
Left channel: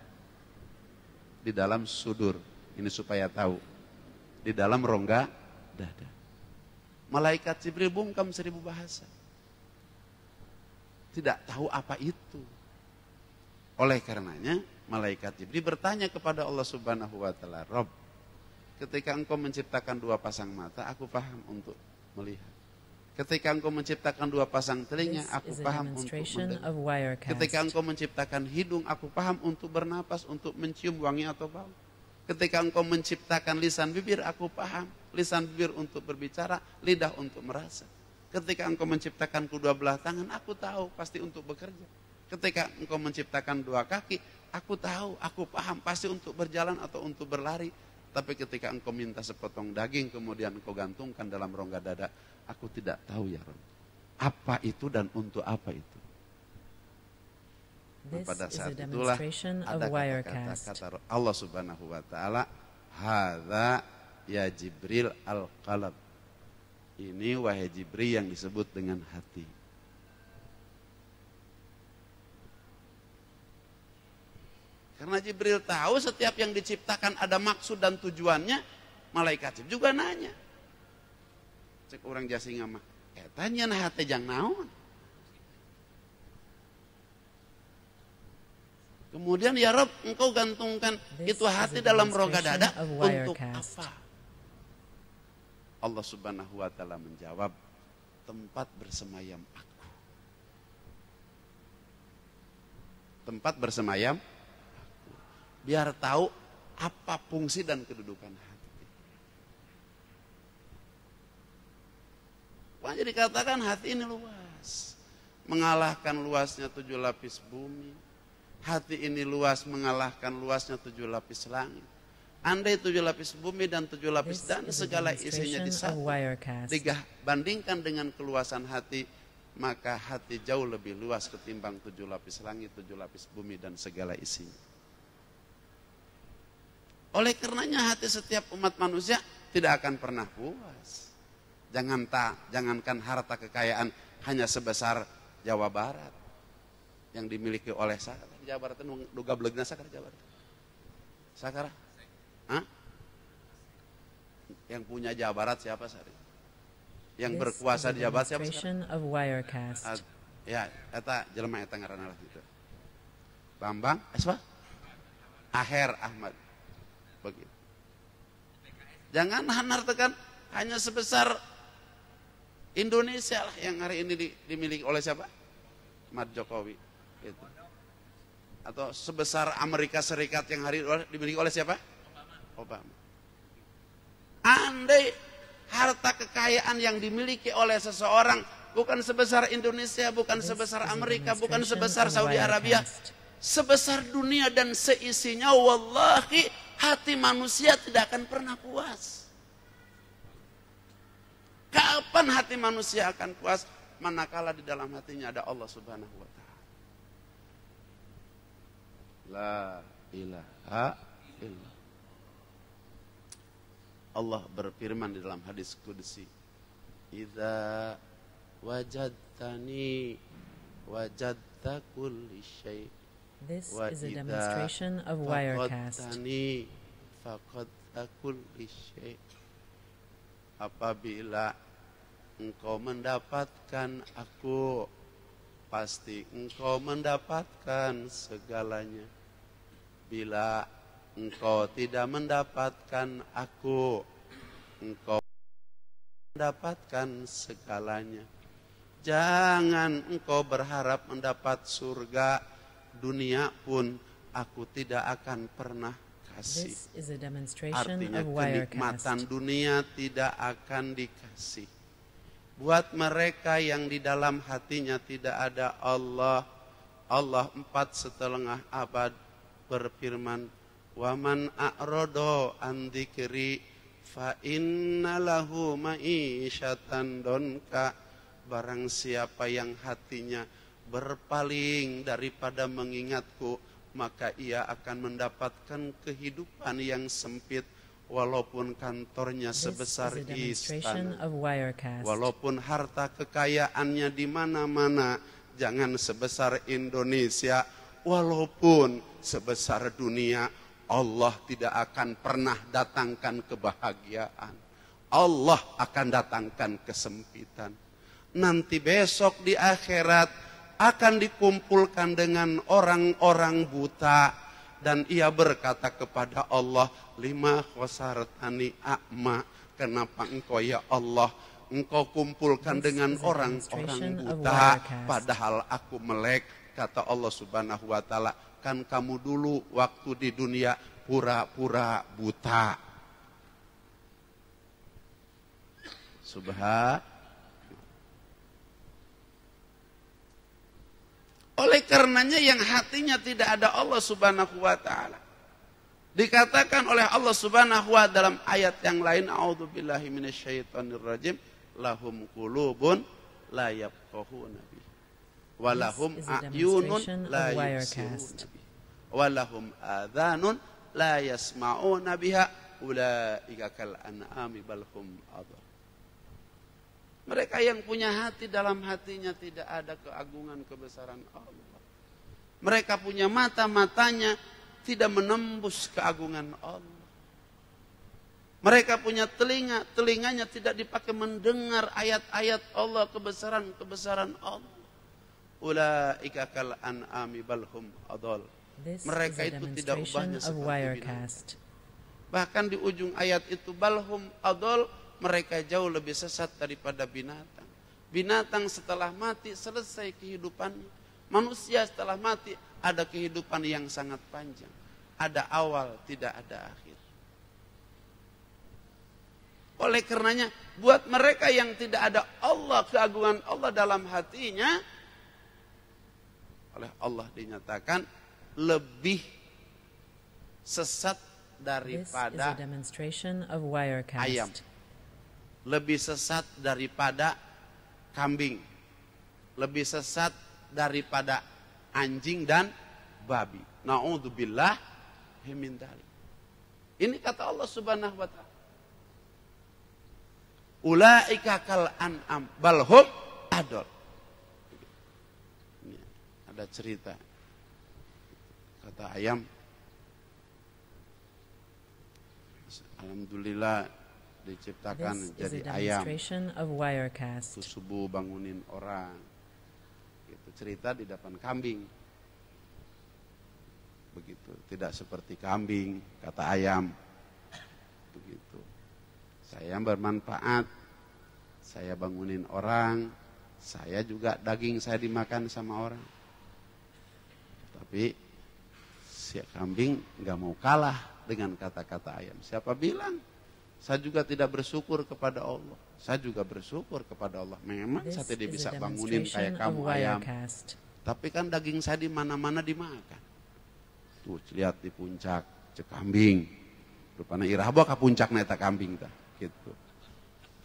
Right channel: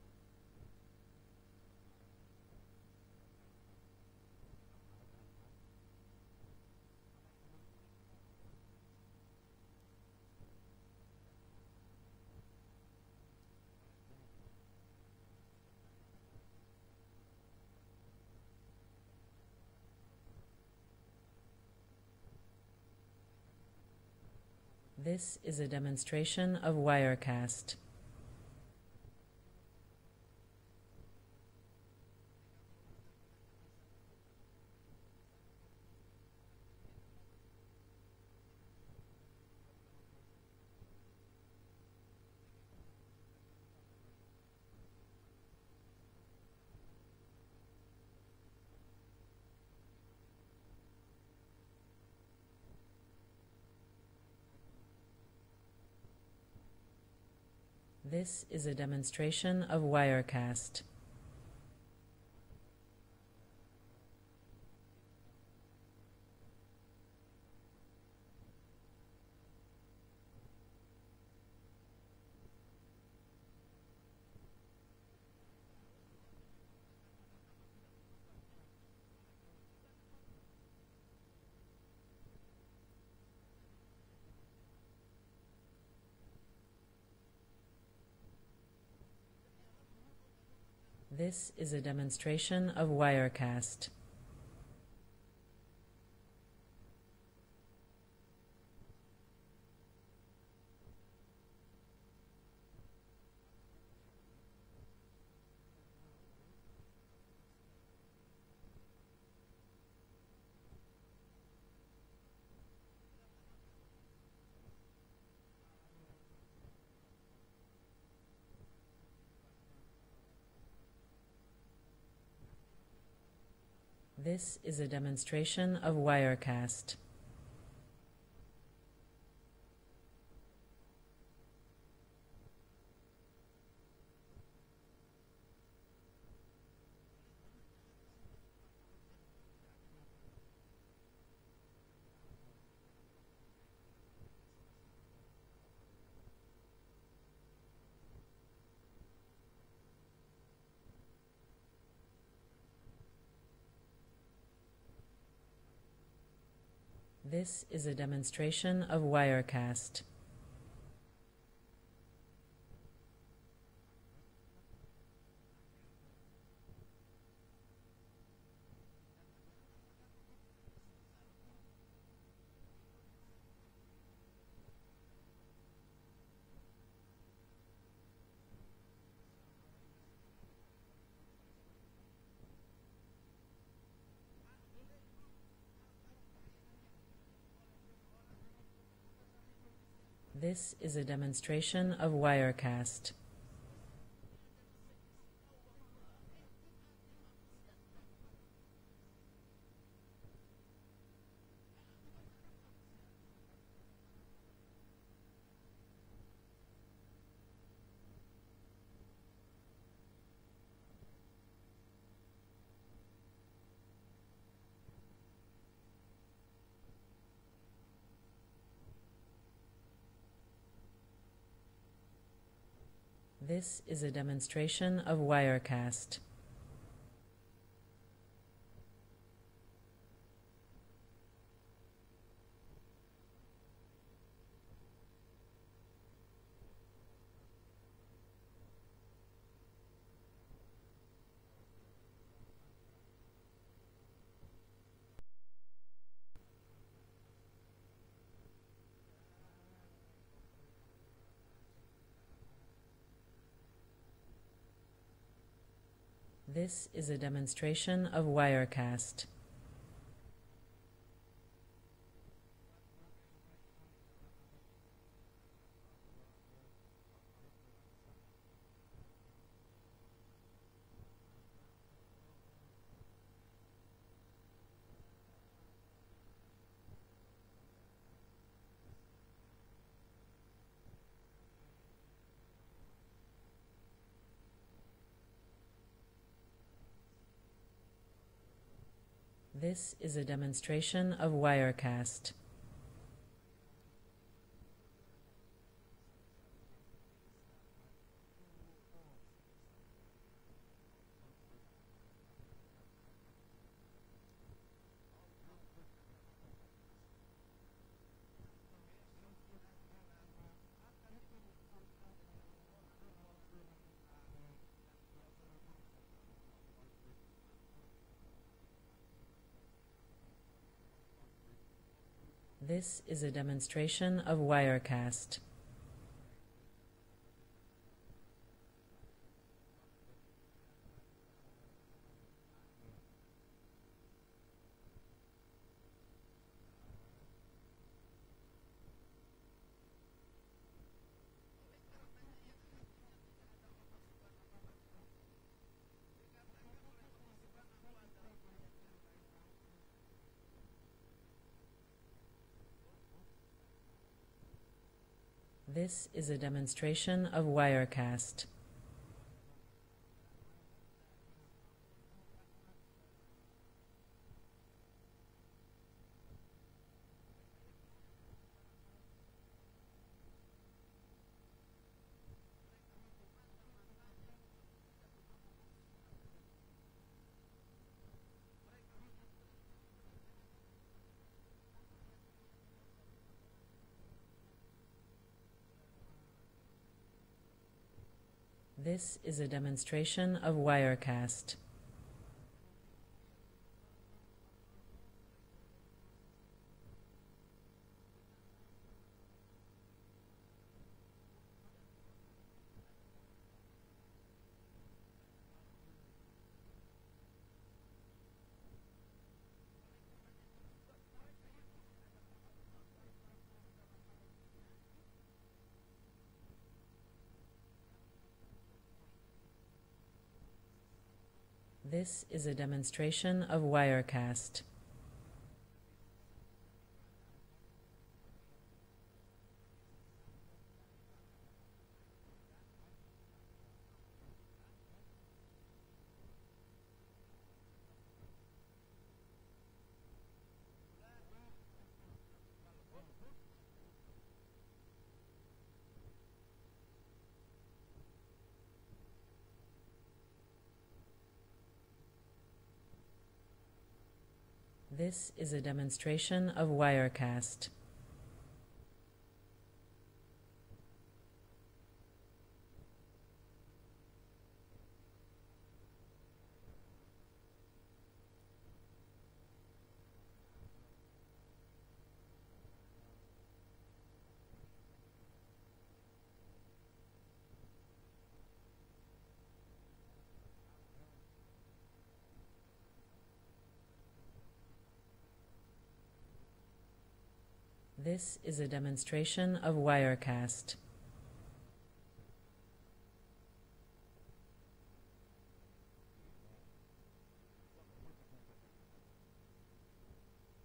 Di dalam sudur. Ini supaya tahu. Di dalam rongga dada. Malaikat Jibril bungkam 1000 bahasa. Tidak tahu apa itu. Oleh karenanya malaikat Jibril bertanya kepada Allah Subhanahu wa taala, "Rabb, ketika engkau menciptakan 2 pasang mata, aku paham untuk melihat. Ketika engkau menciptakan 2 pasang telinga, This aku is a paham untuk demonstration mendengar. of Ketika Wirecast. engkau menciptakan hidung, aku paham untuk bernapas, untuk mencium wangi atau bau. Ketika engkau menciptakan lisan bibir, aku paham. Lisan bibir untuk berbicara, lidah untuk merasa. Ketika engkau menciptakan kedua belah tangan, aku tahu pasti untuk bekerja. Ketika engkau menciptakan 2 kaki, aku tahu, aku paham pasti untuk berjalan atau untuk berlari. Tapi ketika engkau minta sepotong daging, kemudian engkau gantungkan dalam rongga dada, aku tidak tahu ya Rabb. Apa itu dan untuk apa itu? This Pada is saat a itulah demonstration ada of Wirecast. kata-kata Allah Subhanahu wa taala, hadza ya Jibril al-qalb. Ini wahai Jibril yang disebut dengan hati. Karena Jibril tahu setiap yang diciptakan ada maksud dan tujuannya, malaikat Jibril juga nanya. Cek orang Jasinga mah, tanya nah hati jang naon. Kemudian ya Rob, engkau gantungkan This itu is hati a dalam rongga demonstration dada of untuk Wirecast. apa? Allah Subhanahu wa taala menjawab, tempat bersemayam aku. Tempat bersemayam aku. Biar tahu apa fungsi dan kedudukan hati. Makanya dikatakan hati ini luas. Mengalahkan luasnya 7 lapis bumi. Hati ini luas mengalahkan luasnya 7 lapis langit. Andai 7 lapis bumi dan 7 lapis This dan is a segala isinya demonstration of disatu, Wirecast. bandingkan dengan keluasan hati, maka hati jauh lebih luas ketimbang 7 lapis langit, 7 lapis bumi dan segala isinya. Oleh karenanya hati setiap umat manusia tidak akan pernah puas. Jangankan harta kekayaan hanya sebesar Jawa Barat yang dimiliki oleh Sakara. Jawa Barat itu duga belegna Sakara Jawa Barat. Sakara? Hah? Yang punya Jawa Barat siapa Sari? Yang This berkuasa is a di Jawa Barat siapa? demonstration of Wirecast. Ya, eta jelema eta ngaranna lah gitu. Bambang, siapa? Aher Ahmad. Begitu. Jangan hartakan hanya sebesar Indonesia lah yang hari ini dimiliki oleh siapa? Ahmad Jokowi. Gitu. Atau sebesar Amerika Serikat yang hari ini dimiliki oleh siapa? Obama. Andai harta kekayaan yang dimiliki oleh seseorang bukan sebesar Indonesia, bukan This sebesar is a Amerika, bukan demonstration sebesar of Saudi Arabia, Wirecast. sebesar dunia dan seisinya, wallahi hati manusia tidak akan pernah puas. Kapan hati manusia akan puas? Manakala di dalam hatinya ada Allah Subhanahu wa taala. La ilaha illallah. Allah berfirman di dalam hadis qudsi, "Idza wajadtani wajadta kulli syai." This is a demonstration of Wirecast. Apabila engkau mendapatkan aku, pasti engkau mendapatkan segalanya. Bila engkau tidak mendapatkan aku, engkau mendapatkan segalanya. Jangan engkau berharap mendapat surga, dunia pun aku tidak akan pernah kasih. This is a demonstration Artinya of kenikmatan Wirecast. dunia tidak akan dikasih. Buat mereka yang di dalam hatinya tidak ada Allah, Allah 4,5 abad berfirman, "Waman a'rodo an dzikri fa inna lahu ma'isyatan donka." Barang siapa yang hatinya berpaling daripada mengingatku, maka ia akan mendapatkan kehidupan yang sempit. walaupun kantornya This sebesar is a demonstration istana, of Wirecast. walaupun harta kekayaannya di mana-mana, jangan sebesar Indonesia, walaupun sebesar dunia, Allah tidak akan pernah datangkan kebahagiaan. Allah akan datangkan kesempitan. Nanti besok di akhirat akan dikumpulkan dengan orang-orang buta, dan ia berkata kepada Allah, lima khosartani a'ma, kenapa engkau ya Allah engkau kumpulkan This dengan is a orang-orang demonstration of buta, Wirecast. padahal aku melek. Kata Allah Subhanahu wa ta'ala, kan kamu dulu waktu di dunia pura-pura buta. Oleh karenanya yang hatinya tidak ada Allah Subhanahu wa ta'ala, dikatakan oleh Allah Subhanahu wa ta'ala dalam ayat yang lain, a'udzubillahi minasyaitonirrajim, lahum qulubun la yafqahuna biha wa lahum This is a a'yunun demonstration la of Wirecast. yubsiruna biha wa lahum adhanun la yasma'una biha ulaika kal an'ami bal hum adall. Mereka yang punya hati, dalam hatinya tidak ada keagungan kebesaran Allah. Mereka punya mata, matanya tidak menembus keagungan Allah. Mereka punya telinga, telinganya tidak dipakai mendengar ayat-ayat Allah, kebesaran-kebesaran Allah. Ulaika kal an'ami bal hum adall. This Mereka is a itu tidak demonstration ubahnya of seperti Wirecast. Bahkan di ujung ayat itu, balhum adol, mereka jauh lebih sesat daripada binatang. Binatang setelah mati selesai kehidupannya. Manusia setelah mati ada kehidupan yang sangat panjang. Ada awal, tidak ada akhir. Oleh karenanya, buat mereka yang tidak ada Allah, keagungan Allah dalam hatinya, oleh Allah dinyatakan lebih sesat This is daripada a demonstration of Wirecast. ayam, lebih sesat daripada kambing, lebih sesat daripada anjing dan babi. Na'udzubillah min dzalik. Ini kata Allah Subhanahu wa ta'ala. Ulaika kal an'am bal hum adol. Ini ada cerita. Kata ayam, alhamdulillah diciptakan This is a jadi ayam. demonstration of Itu Wirecast. subuh bangunin orang. Itu cerita di depan kambing. Begitu, tidak seperti kambing, kata ayam. Begitu. Saya bermanfaat. Saya bangunin orang, saya juga daging saya dimakan sama orang. Tapi si kambing nggak mau kalah dengan kata-kata ayam. Siapa bilang? Saya juga tidak bersyukur kepada Allah. Saya juga bersyukur kepada Allah. Memang This saya tidak is bisa a bangunin demonstration kayak of kamu ayam. Wirecast. Tapi kan daging saya di mana-mana dimakan. Tuh lihat di puncak cekambing. Rupanya irahbo ka puncak neta kambing tah. Gitu.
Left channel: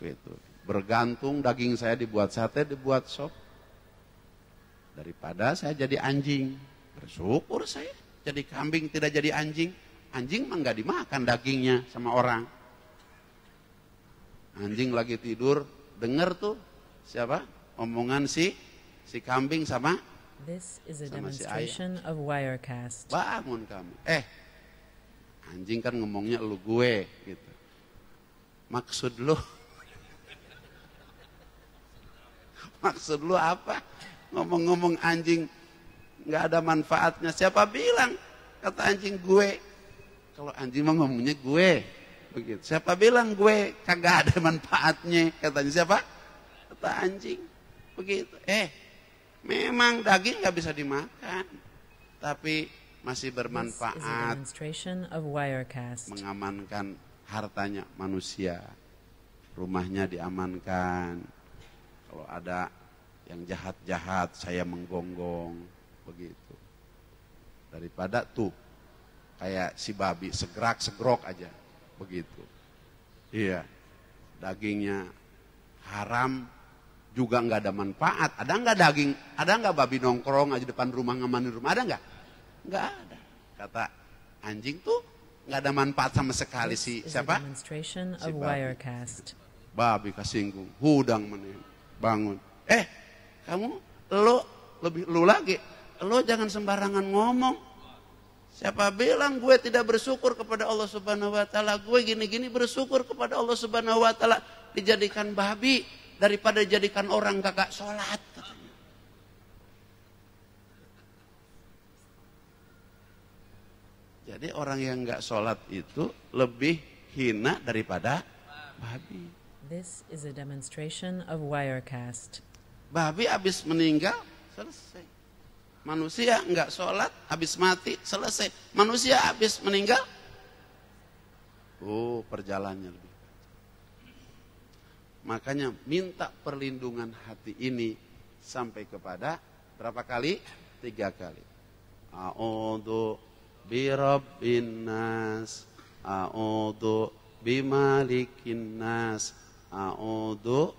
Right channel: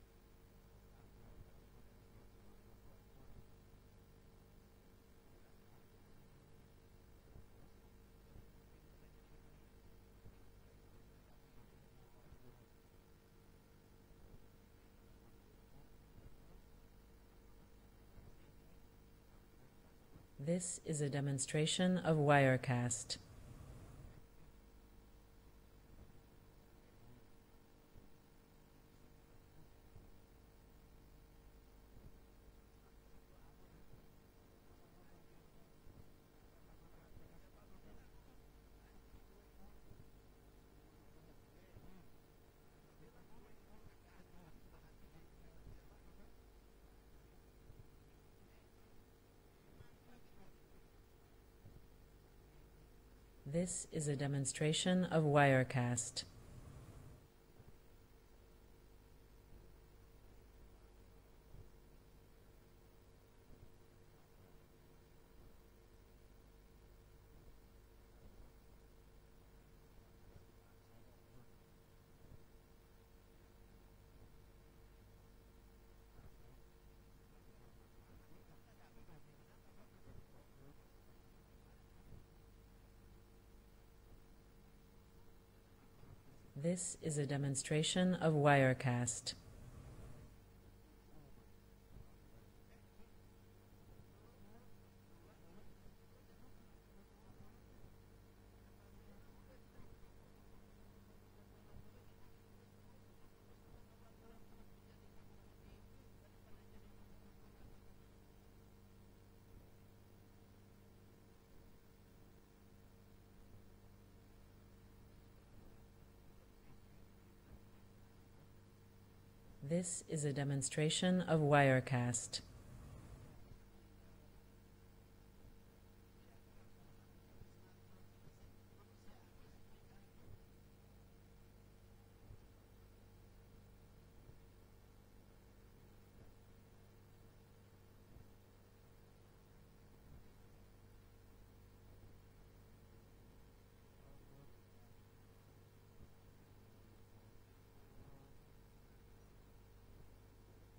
Gitu. Bergantung daging saya dibuat sate, dibuat sop. Daripada saya jadi anjing. Bersyukur saya jadi kambing, tidak jadi anjing. Anjing mah nggak dimakan dagingnya sama orang. Anjing lagi tidur, dengar tuh siapa? Omongan si kambing sama This is a Sama si demonstration of Wirecast. bangun kamu. Anjing kan ngomongnya lu gue gitu. Maksud lu maksud lu apa? Ngomong-ngomong anjing nggak ada manfaatnya. Siapa bilang? Kata anjing gue. Kalau anjing mah ngomongnya gue. Begitu. Siapa bilang gue kagak ada manfaatnya? Katanya siapa? Kata anjing. Begitu. Memang daging nggak bisa dimakan. Tapi masih This bermanfaat. is a demonstration of Wirecast. Mengamankan hartanya manusia. Rumahnya diamankan. Kalau ada yang jahat-jahat saya menggonggong. Begitu. Daripada tuh kayak si babi segrok aja. Begitu. Iya. Dagingnya haram juga nggak ada manfaat. Ada nggak daging? Ada nggak babi nongkrong aja depan rumah ngamanin rumah? Ada nggak? Nggak ada. Kata anjing tuh nggak ada manfaat sama sekali This si is a siapa? demonstration Si of babi. Wirecast. Babi kasinggung, hudang meneh, bangun. Kamu lu lagi, lo jangan sembarangan ngomong. Siapa bilang gue tidak bersyukur kepada Allah Subhanahu wa taala? Gue gini-gini bersyukur kepada Allah Subhanahu wa taala dijadikan babi daripada dijadikan orang kagak sholat. Jadi orang yang nggak sholat itu lebih hina daripada babi. This is a demonstration of Wirecast. Babi habis meninggal selesai. Manusia nggak sholat habis mati selesai. Manusia habis meninggal, perjalanannya lebih. Makanya minta perlindungan hati ini sampai kepada berapa kali? 3 kali. A'udzu birabbin nas, a'udzu bimalikin nas, a'udzu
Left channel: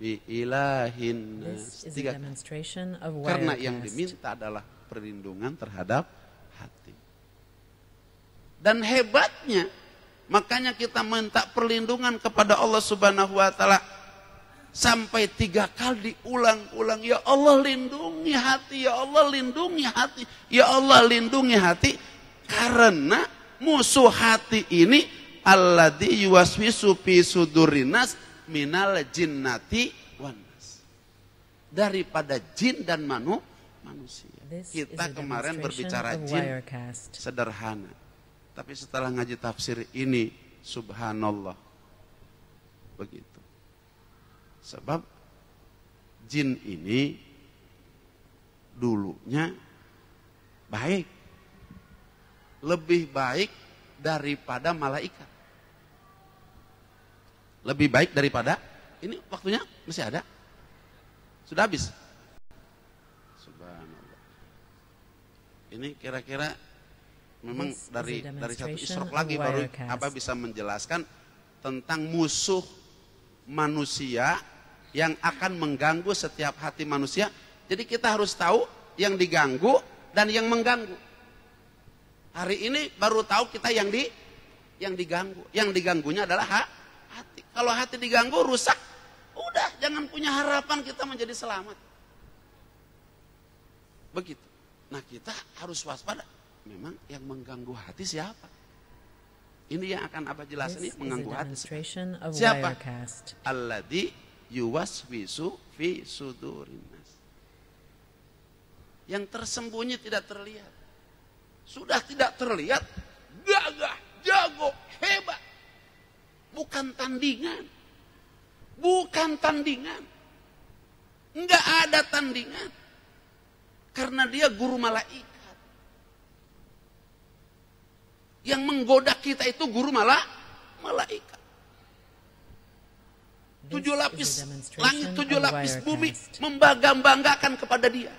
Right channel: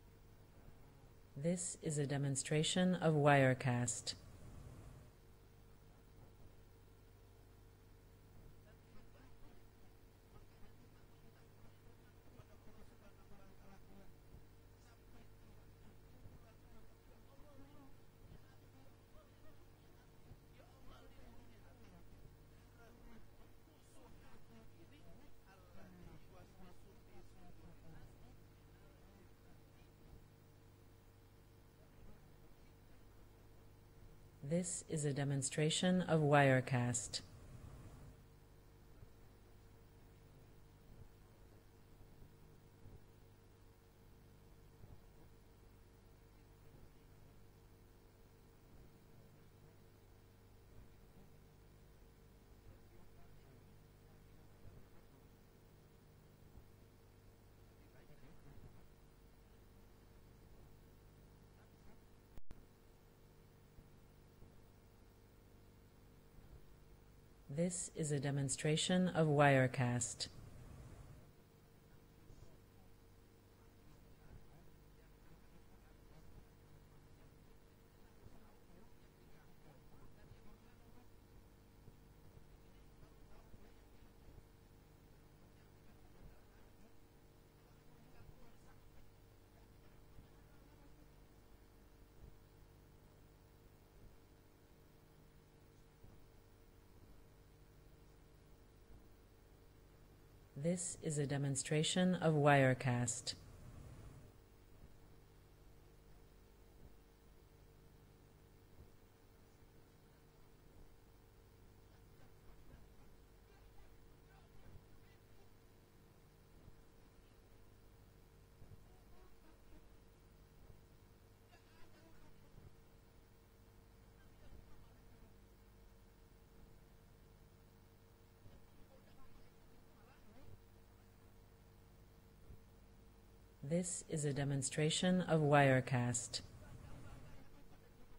biilahin nas. This is a demonstration of Karena yang Wirecast. diminta adalah perlindungan terhadap hati. Dan hebatnya, makanya kita minta perlindungan kepada Allah Subhanahu wa taala sampai 3 kali diulang-ulang. Ya Allah lindungi hati, ya Allah lindungi hati, ya Allah lindungi hati. Karena musuh hati ini alladzi yuwaswisu fi sudurinas minal jinnati wan nas. Daripada jin dan manusia. This is Kita a kemarin demonstration berbicara of jin Wirecast. sederhana. Tapi setelah ngaji tafsir ini, subhanallah. Begitu. Sebab jin ini dulunya baik. Lebih baik daripada malaikat. Lebih baik daripada, ini waktunya masih ada? Sudah habis? Subhanallah. Ini kira-kira memang This is a dari satu demonstration isrok lagi of baru Wirecast. bisa menjelaskan tentang musuh manusia yang akan mengganggu setiap hati manusia. Jadi kita harus tahu yang diganggu dan yang mengganggu. Hari ini baru tahu kita yang diganggu. Yang diganggunya adalah hati. Kalau hati diganggu rusak, udah jangan punya harapan kita menjadi selamat. Begitu. Nah kita harus waspada. Memang yang mengganggu hati siapa? Ini yang akan Abah jelasin, This ini is a mengganggu hati. demonstration of Siapa? Wirecast. Alladzi yuwaswisu fi sudurin nas. Yang tersembunyi tidak terlihat. Sudah tidak terlihat, gagah, jago, hebat. Bukan tandingan. Bukan tandingan. Enggak ada tandingan. Karena dia guru malaikat. Yang menggoda kita itu guru malaikat. 7 This is lapis a langit, demonstration 7 of lapis bumi Wirecast. membangga-banggakan kepada dia.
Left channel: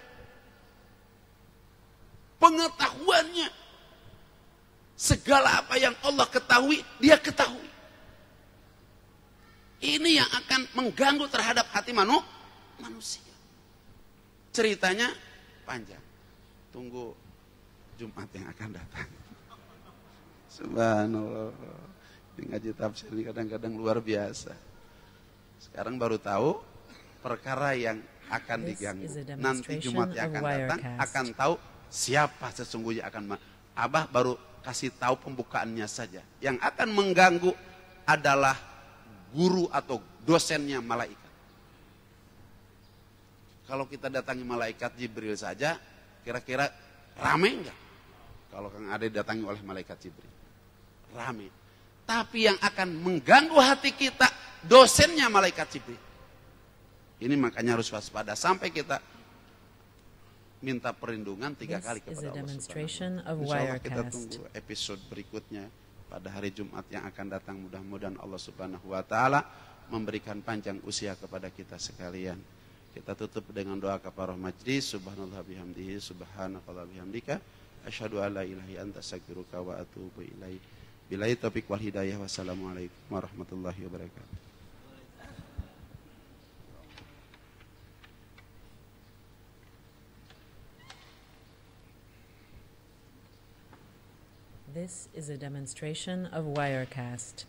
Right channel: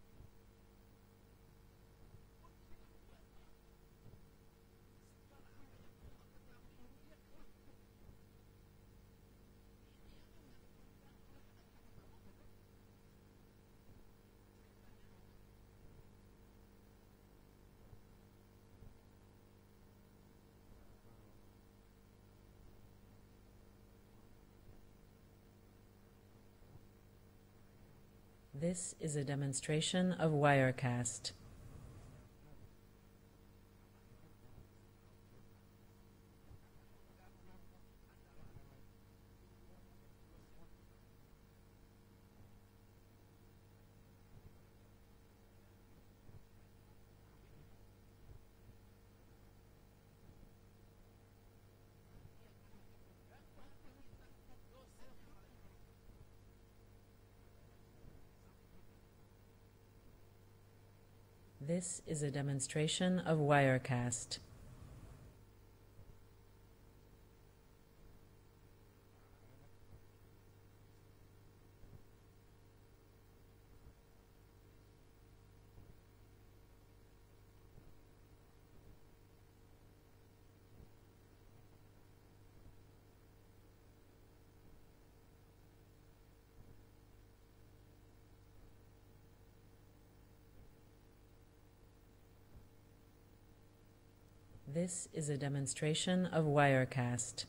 Pengetahuannya, segala apa yang Allah ketahui, dia ketahui. Ini yang akan mengganggu terhadap hati manusia. Ceritanya panjang. Tunggu Jumat yang akan datang. Subhanallah. Ini ngaji tafsir ini kadang-kadang luar biasa. Sekarang baru tahu perkara yang akan This diganggu. is a Nanti demonstration Jumat yang of akan datang Wirecast. akan tahu siapa sesungguhnya akan. Abah baru kasih tahu pembukaannya saja. Yang akan mengganggu adalah guru atau dosennya malaikat. Kalau kita datangi malaikat Jibril saja, kira-kira rame enggak? Kalau Kang Ade datangi oleh malaikat Jibril, rame. Tapi yang akan mengganggu hati kita, dosennya malaikat Jibril. Ini makanya harus waspada sampai kita minta perlindungan 3 This kali is kepada a Allah demonstration Subhanahu wa of Ta'ala. Insya Allah kita Wirecast. tunggu episode berikutnya pada hari Jumat yang akan datang. Mudah-mudahan Allah Subhanahu wa Ta'ala memberikan panjang usia kepada kita sekalian. Kita tutup dengan doa kafarah majlis. Subhanallah bihamdihi, subhanakallah bihamdika, asyhadu an la ilaha illa anta astaghfiruka wa atubu ilaik. Billahi taufiq wal hidayah. Wassalamualaikum warahmatullahi wabarakatuh. This is a demonstration of Wirecast.